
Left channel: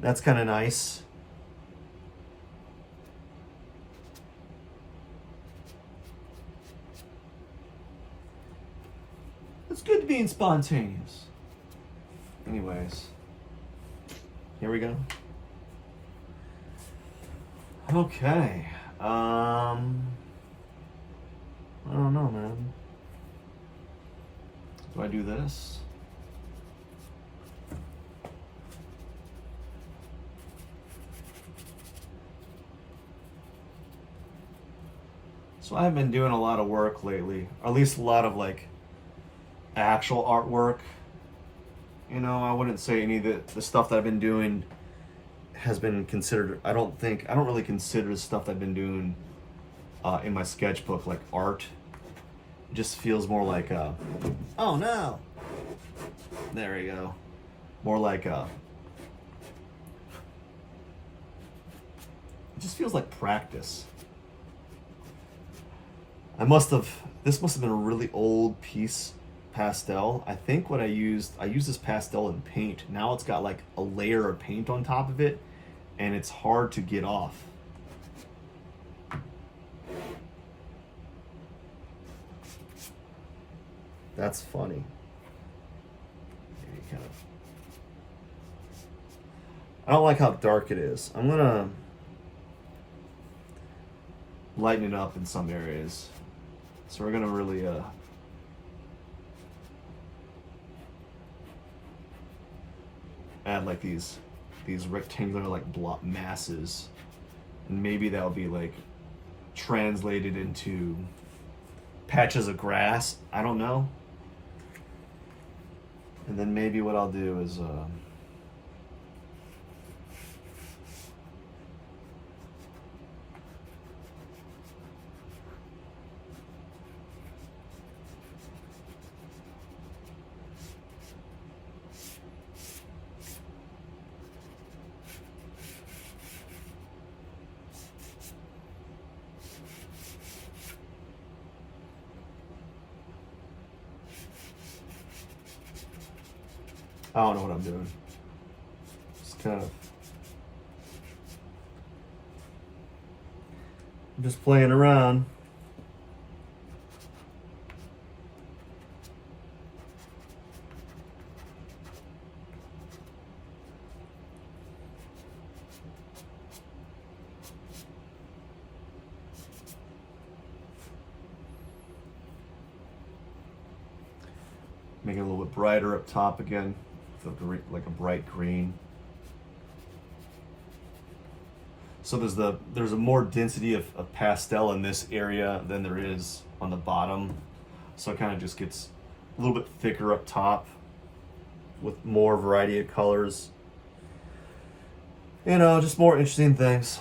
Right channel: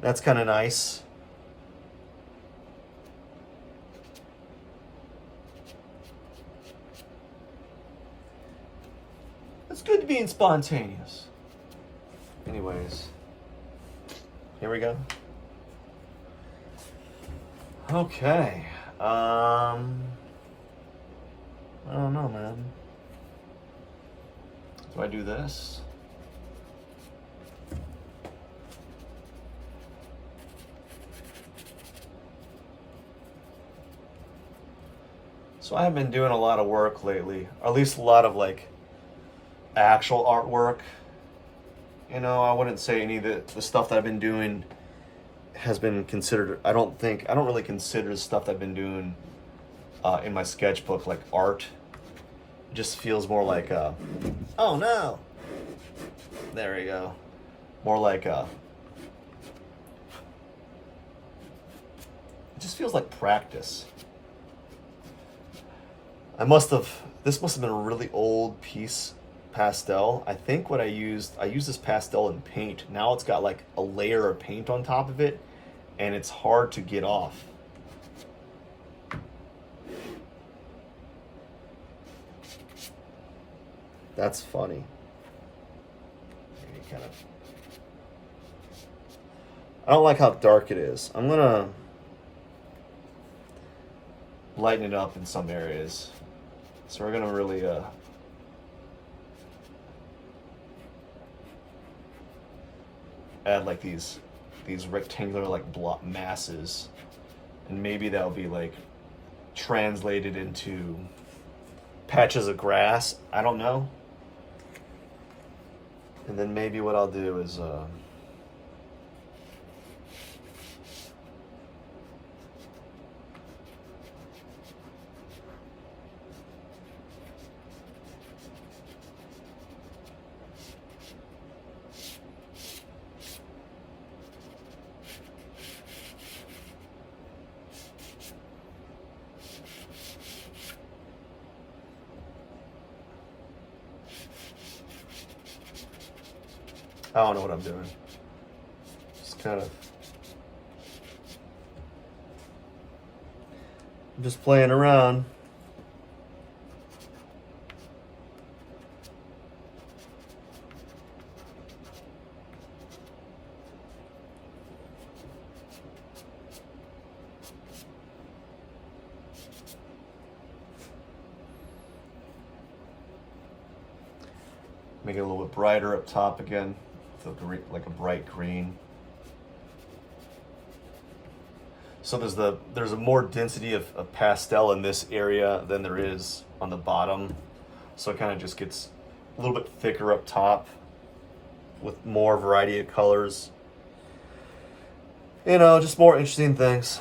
That's kind of nice. It's good being spontaneous. Anyways, here we go. Okay. I don't know, man. Do I do this? So I've been doing a lot of work lately, or at least a lot of like actual artwork. You know, I wouldn't say any of the stuff that I've been doing has been considered, I don't really consider the stuff I've been doing in my sketchbook like art. It just feels more like oh no, there we go, more like it just feels like practice. This must have been a really old piece pastel. I think what I used this pastel in paint. Now it's got like a layer of paint on top of it, and it's hard to get off. That's funny. Maybe kind of. I don't like how dark it is. I'm gonna lighten it up in some areas. So we're gonna really add like these rectangular like block masses, and maybe that'll be like translated into patches of grass. I don't know. And then maybe what I'll do is I don't know what I'm doing. Just kind of. I'm just playing around. Make it a little bit brighter up top again. Like a bright green. So there's a more density of pastel in this area than there is on the bottom. So it kind of just gets a little bit thicker up top with more variety of colors. You know, just more interesting things.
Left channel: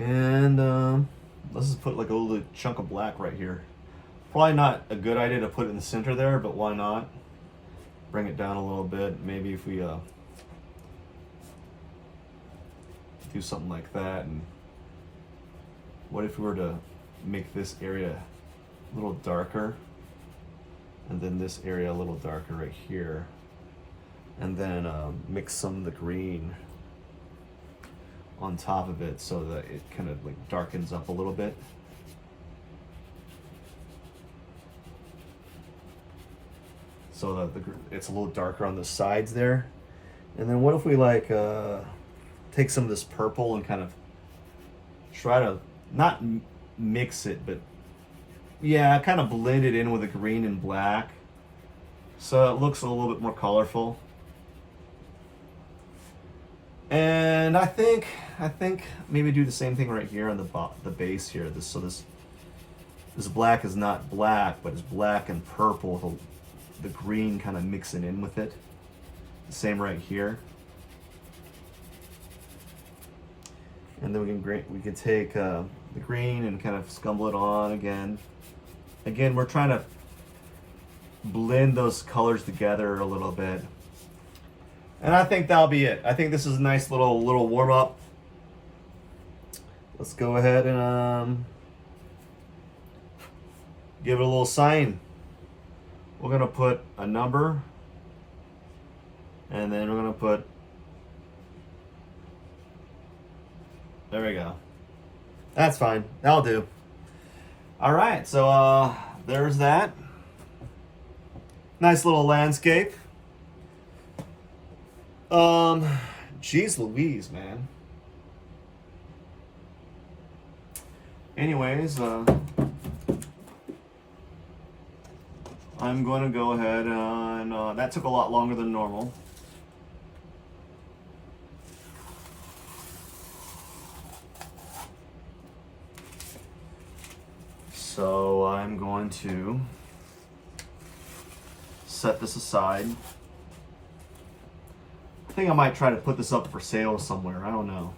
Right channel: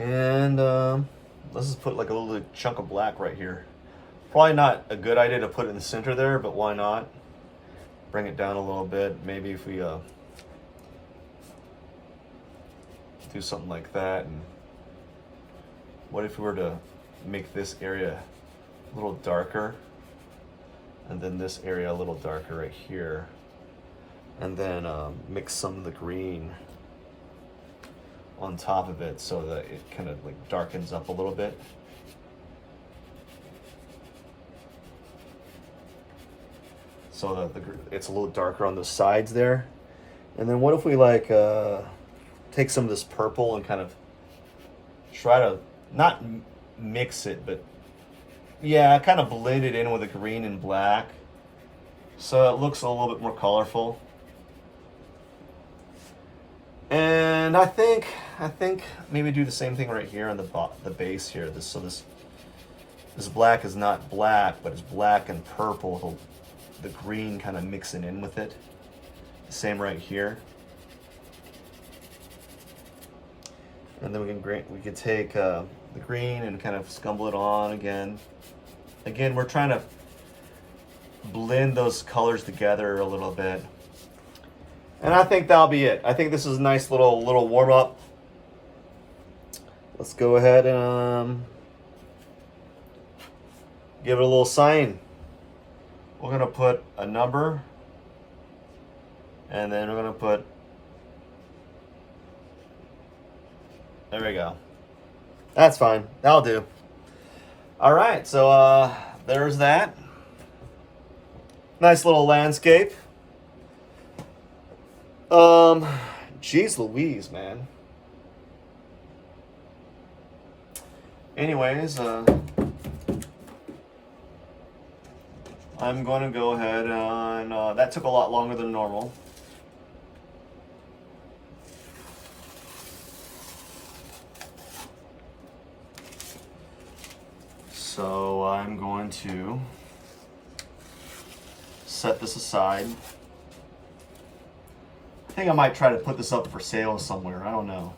And let's just put like a little chunk of black right here. Probably not a good idea to put it in the center there, but why not? Bring it down a little bit. Maybe if we do something like that. And what if we were to make this area a little darker, and then this area a little darker right here, and then mix some of the green on top of it so that it kind of like darkens up a little bit. So that it's a little darker on the sides there. And then what if we like take some of this purple and kind of try to not mix it, but yeah, kind of blend it in with the green and black so it looks a little bit more colorful. And I think maybe do the same thing right here on the base here. This black is not black, but it's black and purple with the green kind of mixing in with it. Same right here. And then we can take the green and kind of scumble it on again. Again, we're trying to blend those colors together a little bit. And I think that'll be it. I think this is a nice little warm up. Let's go ahead and give it a little sign. We're gonna put a number, and then we're gonna put, there we go. That's fine, that'll do. All right, so there's that. Nice little landscape. Geez Louise, man. Anyways, I'm going to go ahead and that took a lot longer than normal. So I'm going to set this aside. I think I might try to put this up for sale somewhere. I don't know.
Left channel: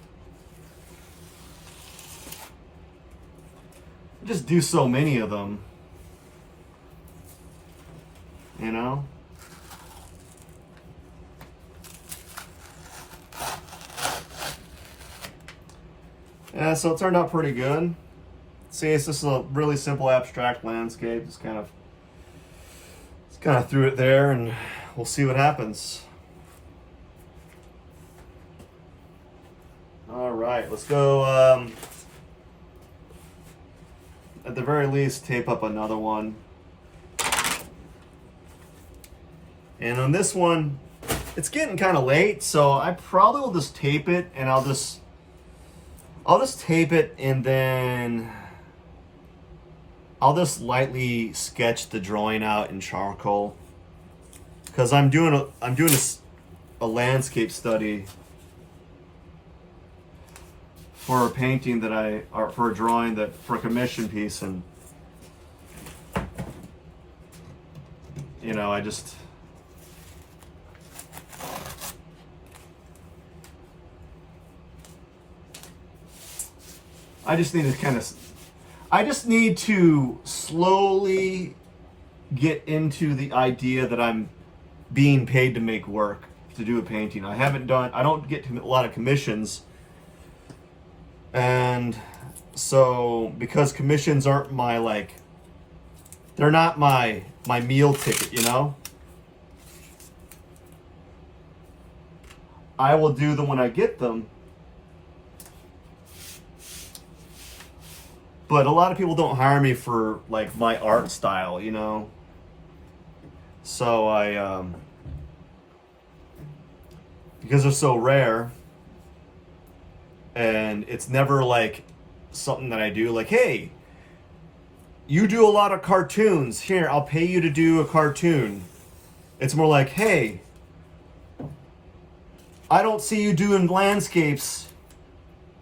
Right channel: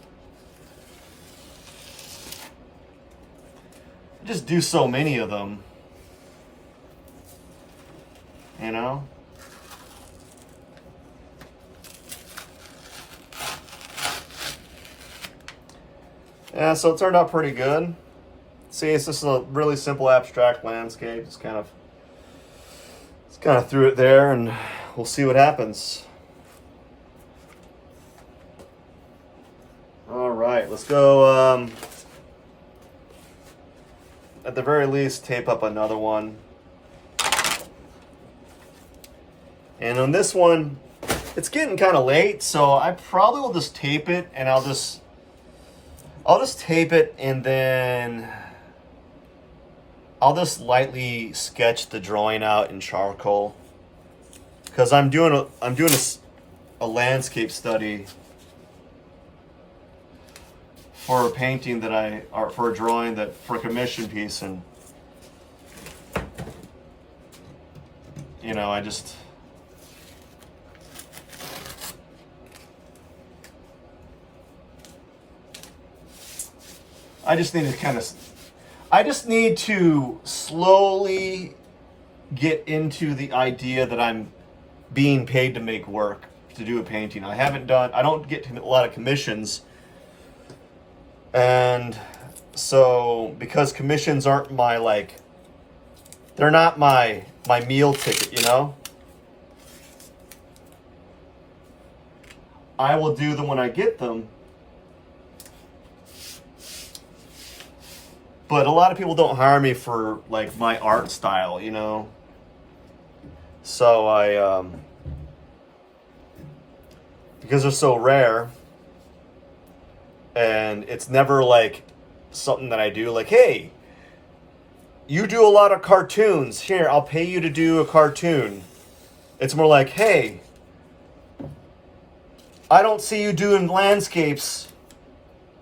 I just do so many of them. You know? Yeah, so it turned out pretty good. See, it's just a really simple abstract landscape. Just kind of threw it there, and we'll see what happens. All right, let's go. At the very least, tape up another one. And on this one, it's getting kind of late, so I probably will just tape it, and I'll just tape it, and then I'll just lightly sketch the drawing out in charcoal, because I'm doing a landscape study for a painting or for a drawing for a commission piece, and you know, I just need to slowly get into the idea that I'm being paid to make work, to do a painting. I don't get a lot of commissions. And so, because commissions aren't they're not my meal ticket, you know? I will do them when I get them. But a lot of people don't hire me for like my art style, you know? So because they're so rare, and it's never like something that I do like, hey, you do a lot of cartoons. Here, I'll pay you to do a cartoon. It's more like, hey, I don't see you doing landscapes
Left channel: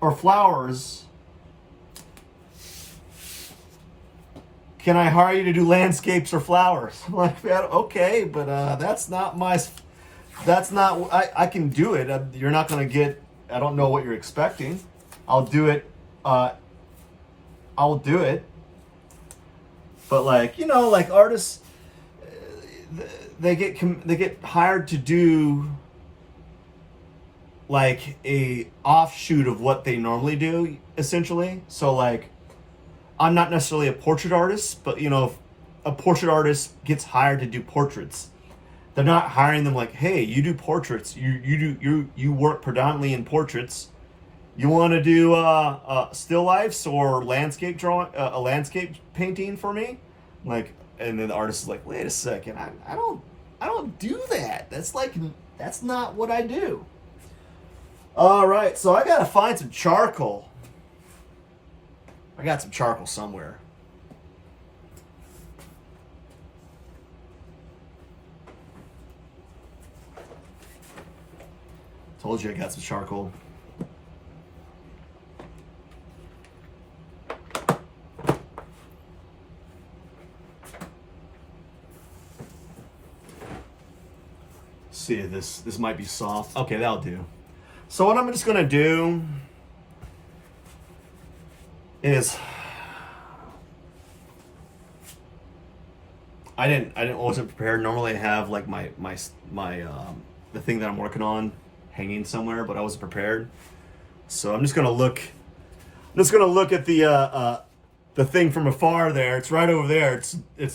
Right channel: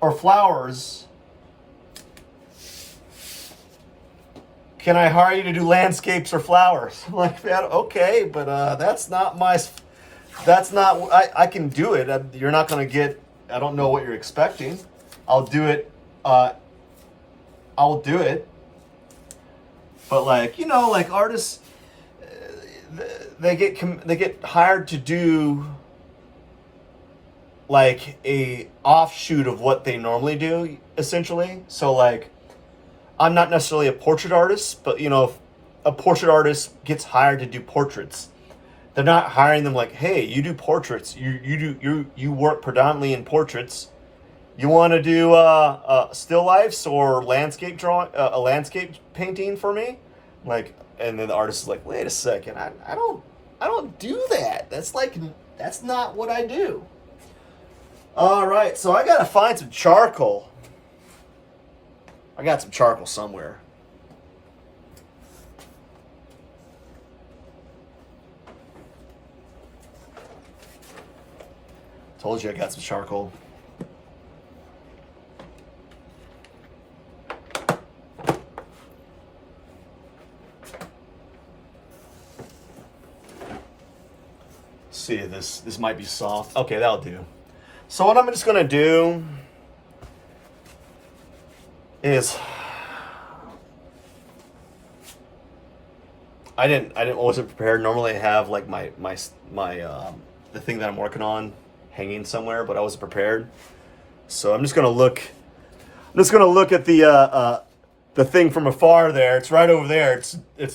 or flowers. Can I hire you to do landscapes or flowers? I'm like, okay, but that's not I can do it. You're not going to get, I don't know what you're expecting. I'll do it. I'll do it. But like, you know, like artists, they get hired to do like a offshoot of what they normally do, essentially. So like, I'm not necessarily a portrait artist, but you know, if a portrait artist gets hired to do portraits, they're not hiring them like, hey, you do portraits, you work predominantly in portraits. You want to do still lifes or landscape drawing, a landscape painting for me? Like, and then the artist is like, wait a second, I don't do that. That's not what I do. All right, so I gotta find some charcoal. I got some charcoal somewhere. Told you I got some charcoal. See, this might be soft. Okay, that'll do. So what I'm just gonna do is I wasn't prepared. Normally I have like my the thing that I'm working on hanging somewhere, but I wasn't prepared. So I'm just gonna look at the thing from afar there. It's right over there.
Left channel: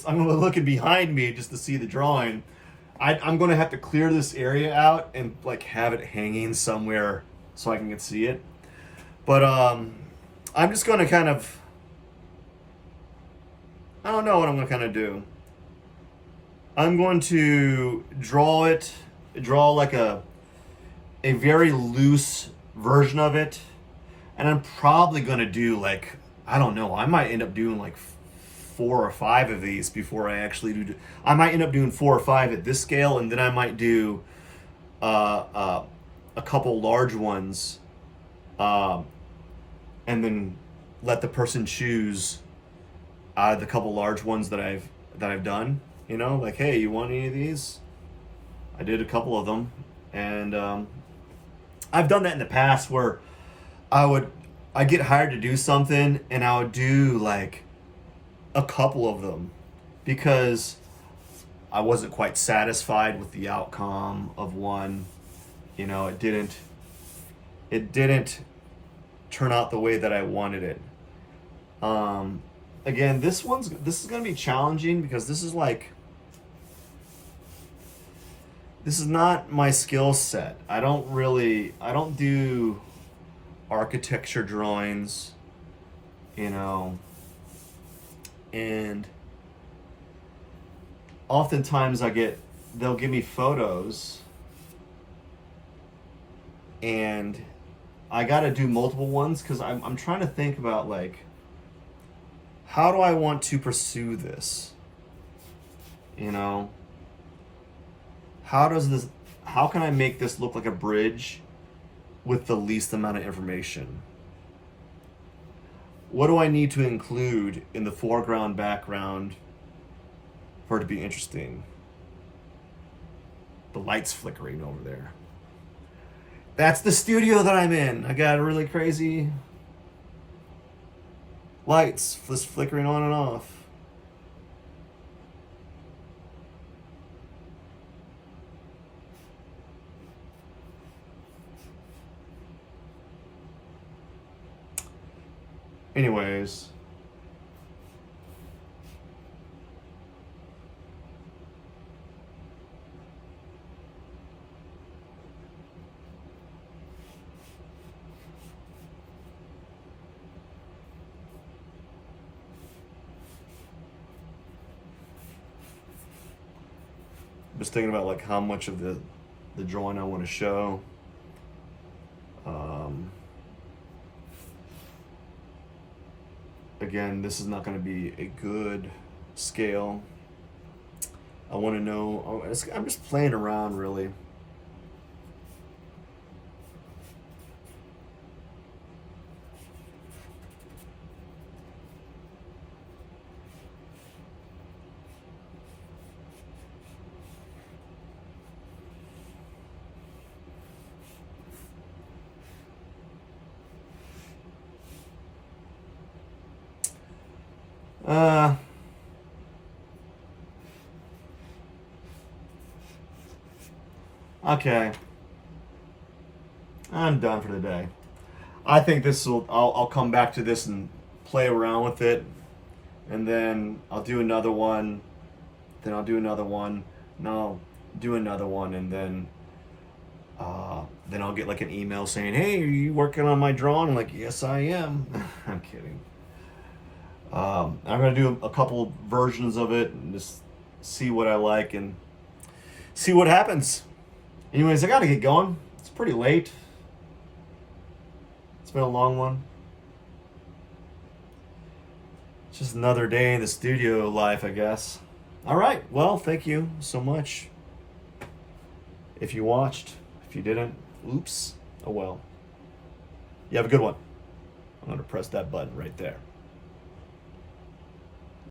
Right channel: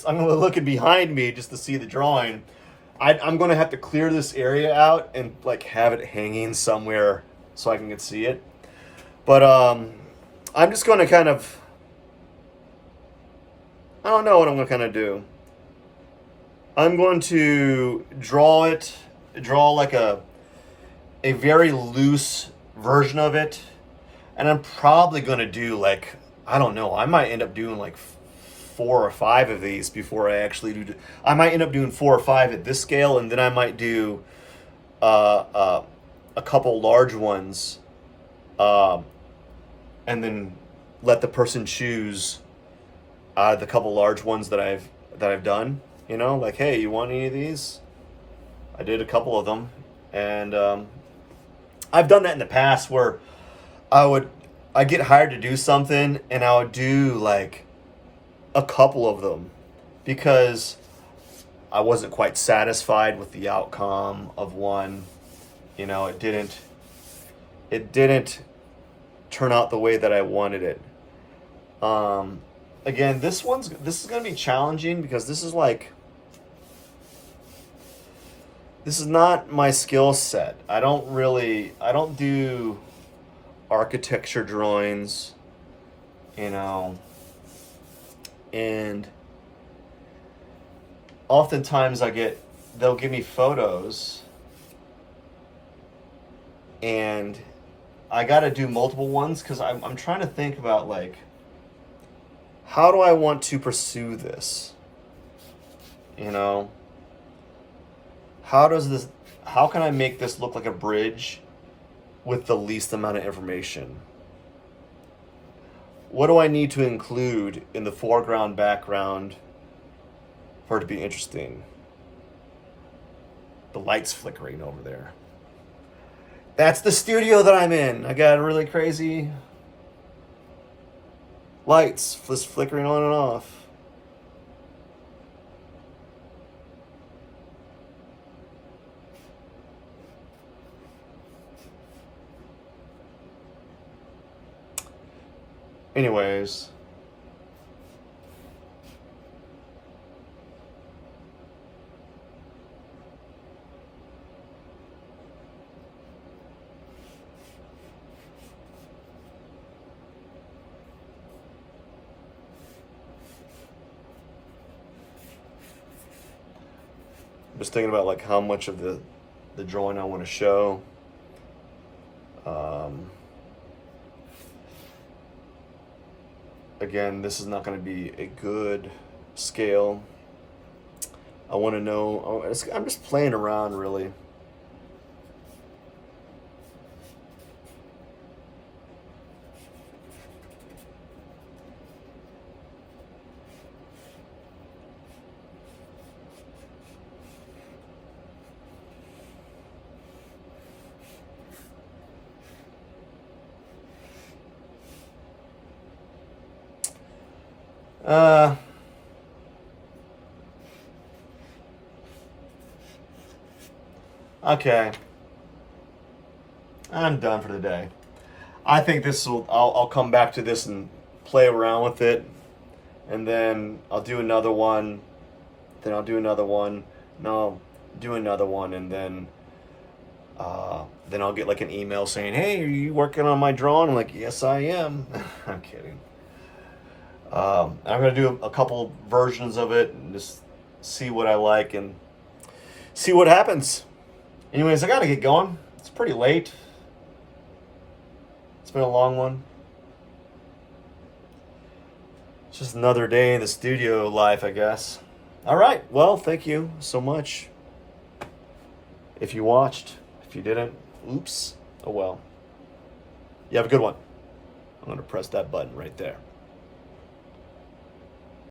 I'm gonna look behind me just to see the drawing. I'm gonna have to clear this area out and like have it hanging somewhere so I can see it. But I'm just going to kind of, I don't know what I'm going to kind of do. I'm going to draw like a very loose version of it. And I'm probably going to do like, I don't know, I might end up doing like 4 or 5 of these before I actually do. I might end up doing 4 or 5 at this scale, and then I might do a couple large ones. And then let the person choose the couple large ones that I've done. You know, like, hey, you want any of these? I did a couple of them, and I've done that in the past where I get hired to do something, and I would do like a couple of them because I wasn't quite satisfied with the outcome of one. You know, it didn't turn out the way that I wanted it. Again, this is gonna be challenging because this is not my skill set. I don't do architecture drawings, you know, and oftentimes they'll give me photos and I got to do multiple ones because I'm trying to think about like, how do I want to pursue this? You know, how can I make this look like a bridge with the least amount of information? What do I need to include in the foreground, background for it to be interesting? The light's flickering over there. That's the studio that I'm in. I got really crazy lights just flickering on and off. Anyways, I'm just thinking about like how much of the drawing I want to show. Again, this is not going to be a good scale. I want to know. I'm just playing around, really. Okay. I'm done for the day. I think I'll come back to this and play around with it. And then I'll do another one. Then I'll do another one. No, I'll do another one. And then I'll get like an email saying, "Hey, are you working on my drawing?" I'm like, "Yes, I am." I'm kidding. I'm going to do a couple versions of it and just see what I like and see what happens. Anyways, I got to get going. It's pretty late. It's been a long one. It's just another day in the studio life, I guess. All right. Well, thank you so much. If you watched, if you didn't, oops. Oh well. You have a good one. I'm going to press that button right there.